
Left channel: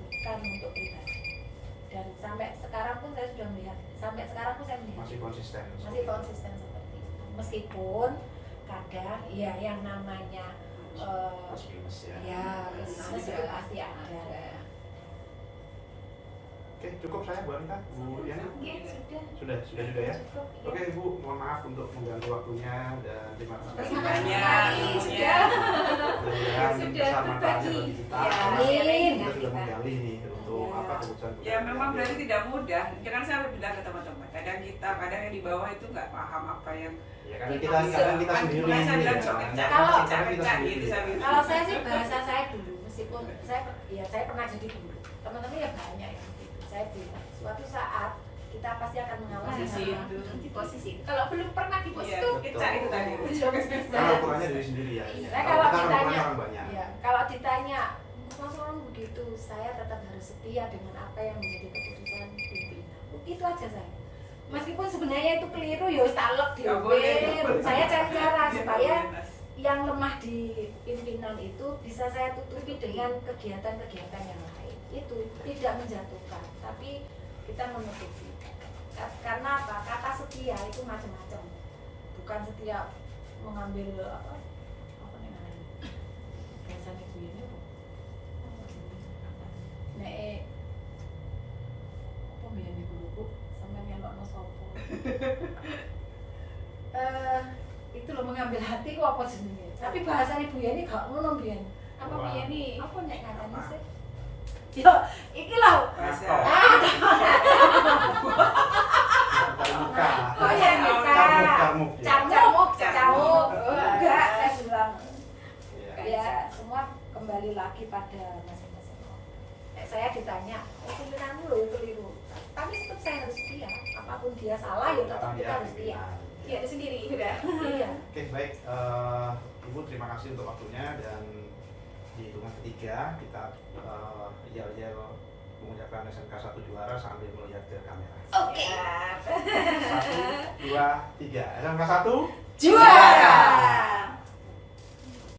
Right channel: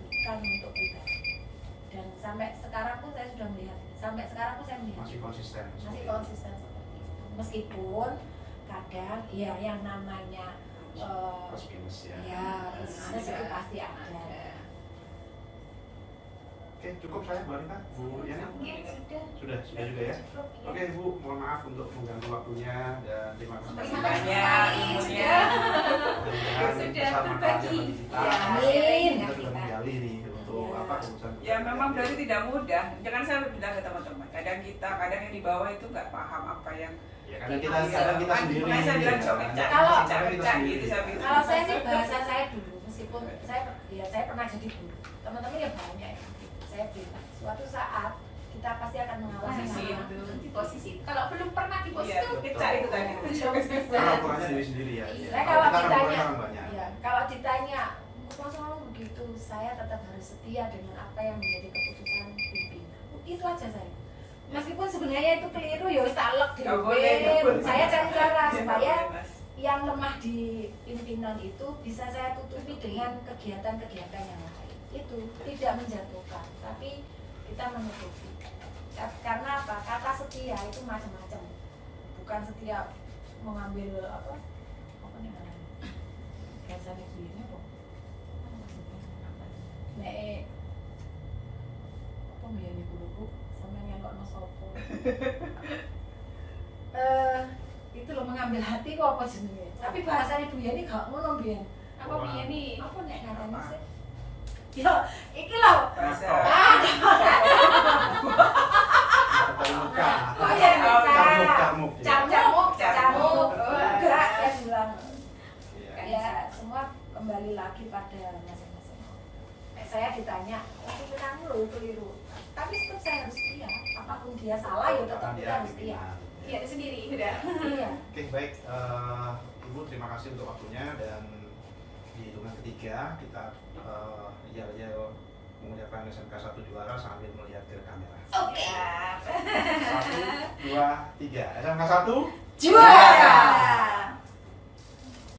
bukan untuk pribadi. Dan sampai sekarang pun saya sudah melihat, Masih konsisten. masih konsisten seperti itu. Meskipun kadang ya yang namanya Plus minus ya. ya plus minus itu pasti ada. Oke, cukup saya Bu Anita, Bu Yani. Oke, sudah. Sudah juga ya. Cukup, ya. Oke Bu, mohon maaf untuk mengganggu waktunya dan terima kasih Terima kasih banyak. sekali Ya. mudah-mudahan Sudah bisa manfaatnya berbagi. bagi kita. Ya, Karena amin. kita sudah menggali nih untuk Ya. apa keputusan. Ya memang berarti tidak mudah. Jangan saya bilang ke teman-teman. Kadang yang di bawah itu nggak paham apa yang. Ya kadang kita sendiri. Makanya saya bilang ya, sok kan? kecak, Kalau- kecak, kecak gitu saya bilang. Kalau saya sih bahasa saya dulu, meskipun saya pernah jadi guru, teman-teman ya banyak yang begitu. Saya bilang suatu saat kita pasti akan mengalami Posisi hal itu. di posisi. Kalau belum pernah di posisi Iya, itu, kecak itu tadi. Kalau ukurannya diri sendiri ya. Iya. Saya Kalau kalau kita kan ukurannya ditanya, orang banyak. ya, kalau ditanya, masa kamu begitu, saya tetap harus setia dengan apa yang menjadi keputusan pimpinan. Itu aja saya. Meskipun sebenarnya itu keliru, ya wis tak lek Nggak boleh, nggak dhewe. boleh. Saya cari cara Nggak supaya boleh, Mas. yang lemah di pimpinan itu bisa saya tutupi dengan kegiatan-kegiatan yang lain. Itu tidak menjatuhkan, tapi kita menutupi. Karena apa? Kata setia itu macam-macam. Bukan setia mengambil apa nih namanya? Biasanya begini kok. Nek apa biyen iku buku sampe nyelokno sapa? Itu loh mengambil hati kok apa jenenge? Tapi bahasa Ibu Yani gak ngono biyen. apa punya nih? Apa nek ngarani sih? Yo, iki lho. Rasa. Bukan muka. Oh ya, Carmuk. Camuk. Enggak, saya bilang. Iya. Ya, semua kembali lagi pada masing-masing. Saya ditanya, pimpinanmu loh ya keliru. Tapi tetap saya harus setia. Apapun dia salah, ya tetap Karena kita dia harus setia. pimpinan. Iya, itu sendiri. Udah. Iya. Oke baik, Ibu terima kasih untuk waktunya dan di hitungan ketiga kita yel-yel mengucapkan SMK 1 juara sambil melihat ke kamera. Oke. 1, 2, 3. SMK 1 Juara!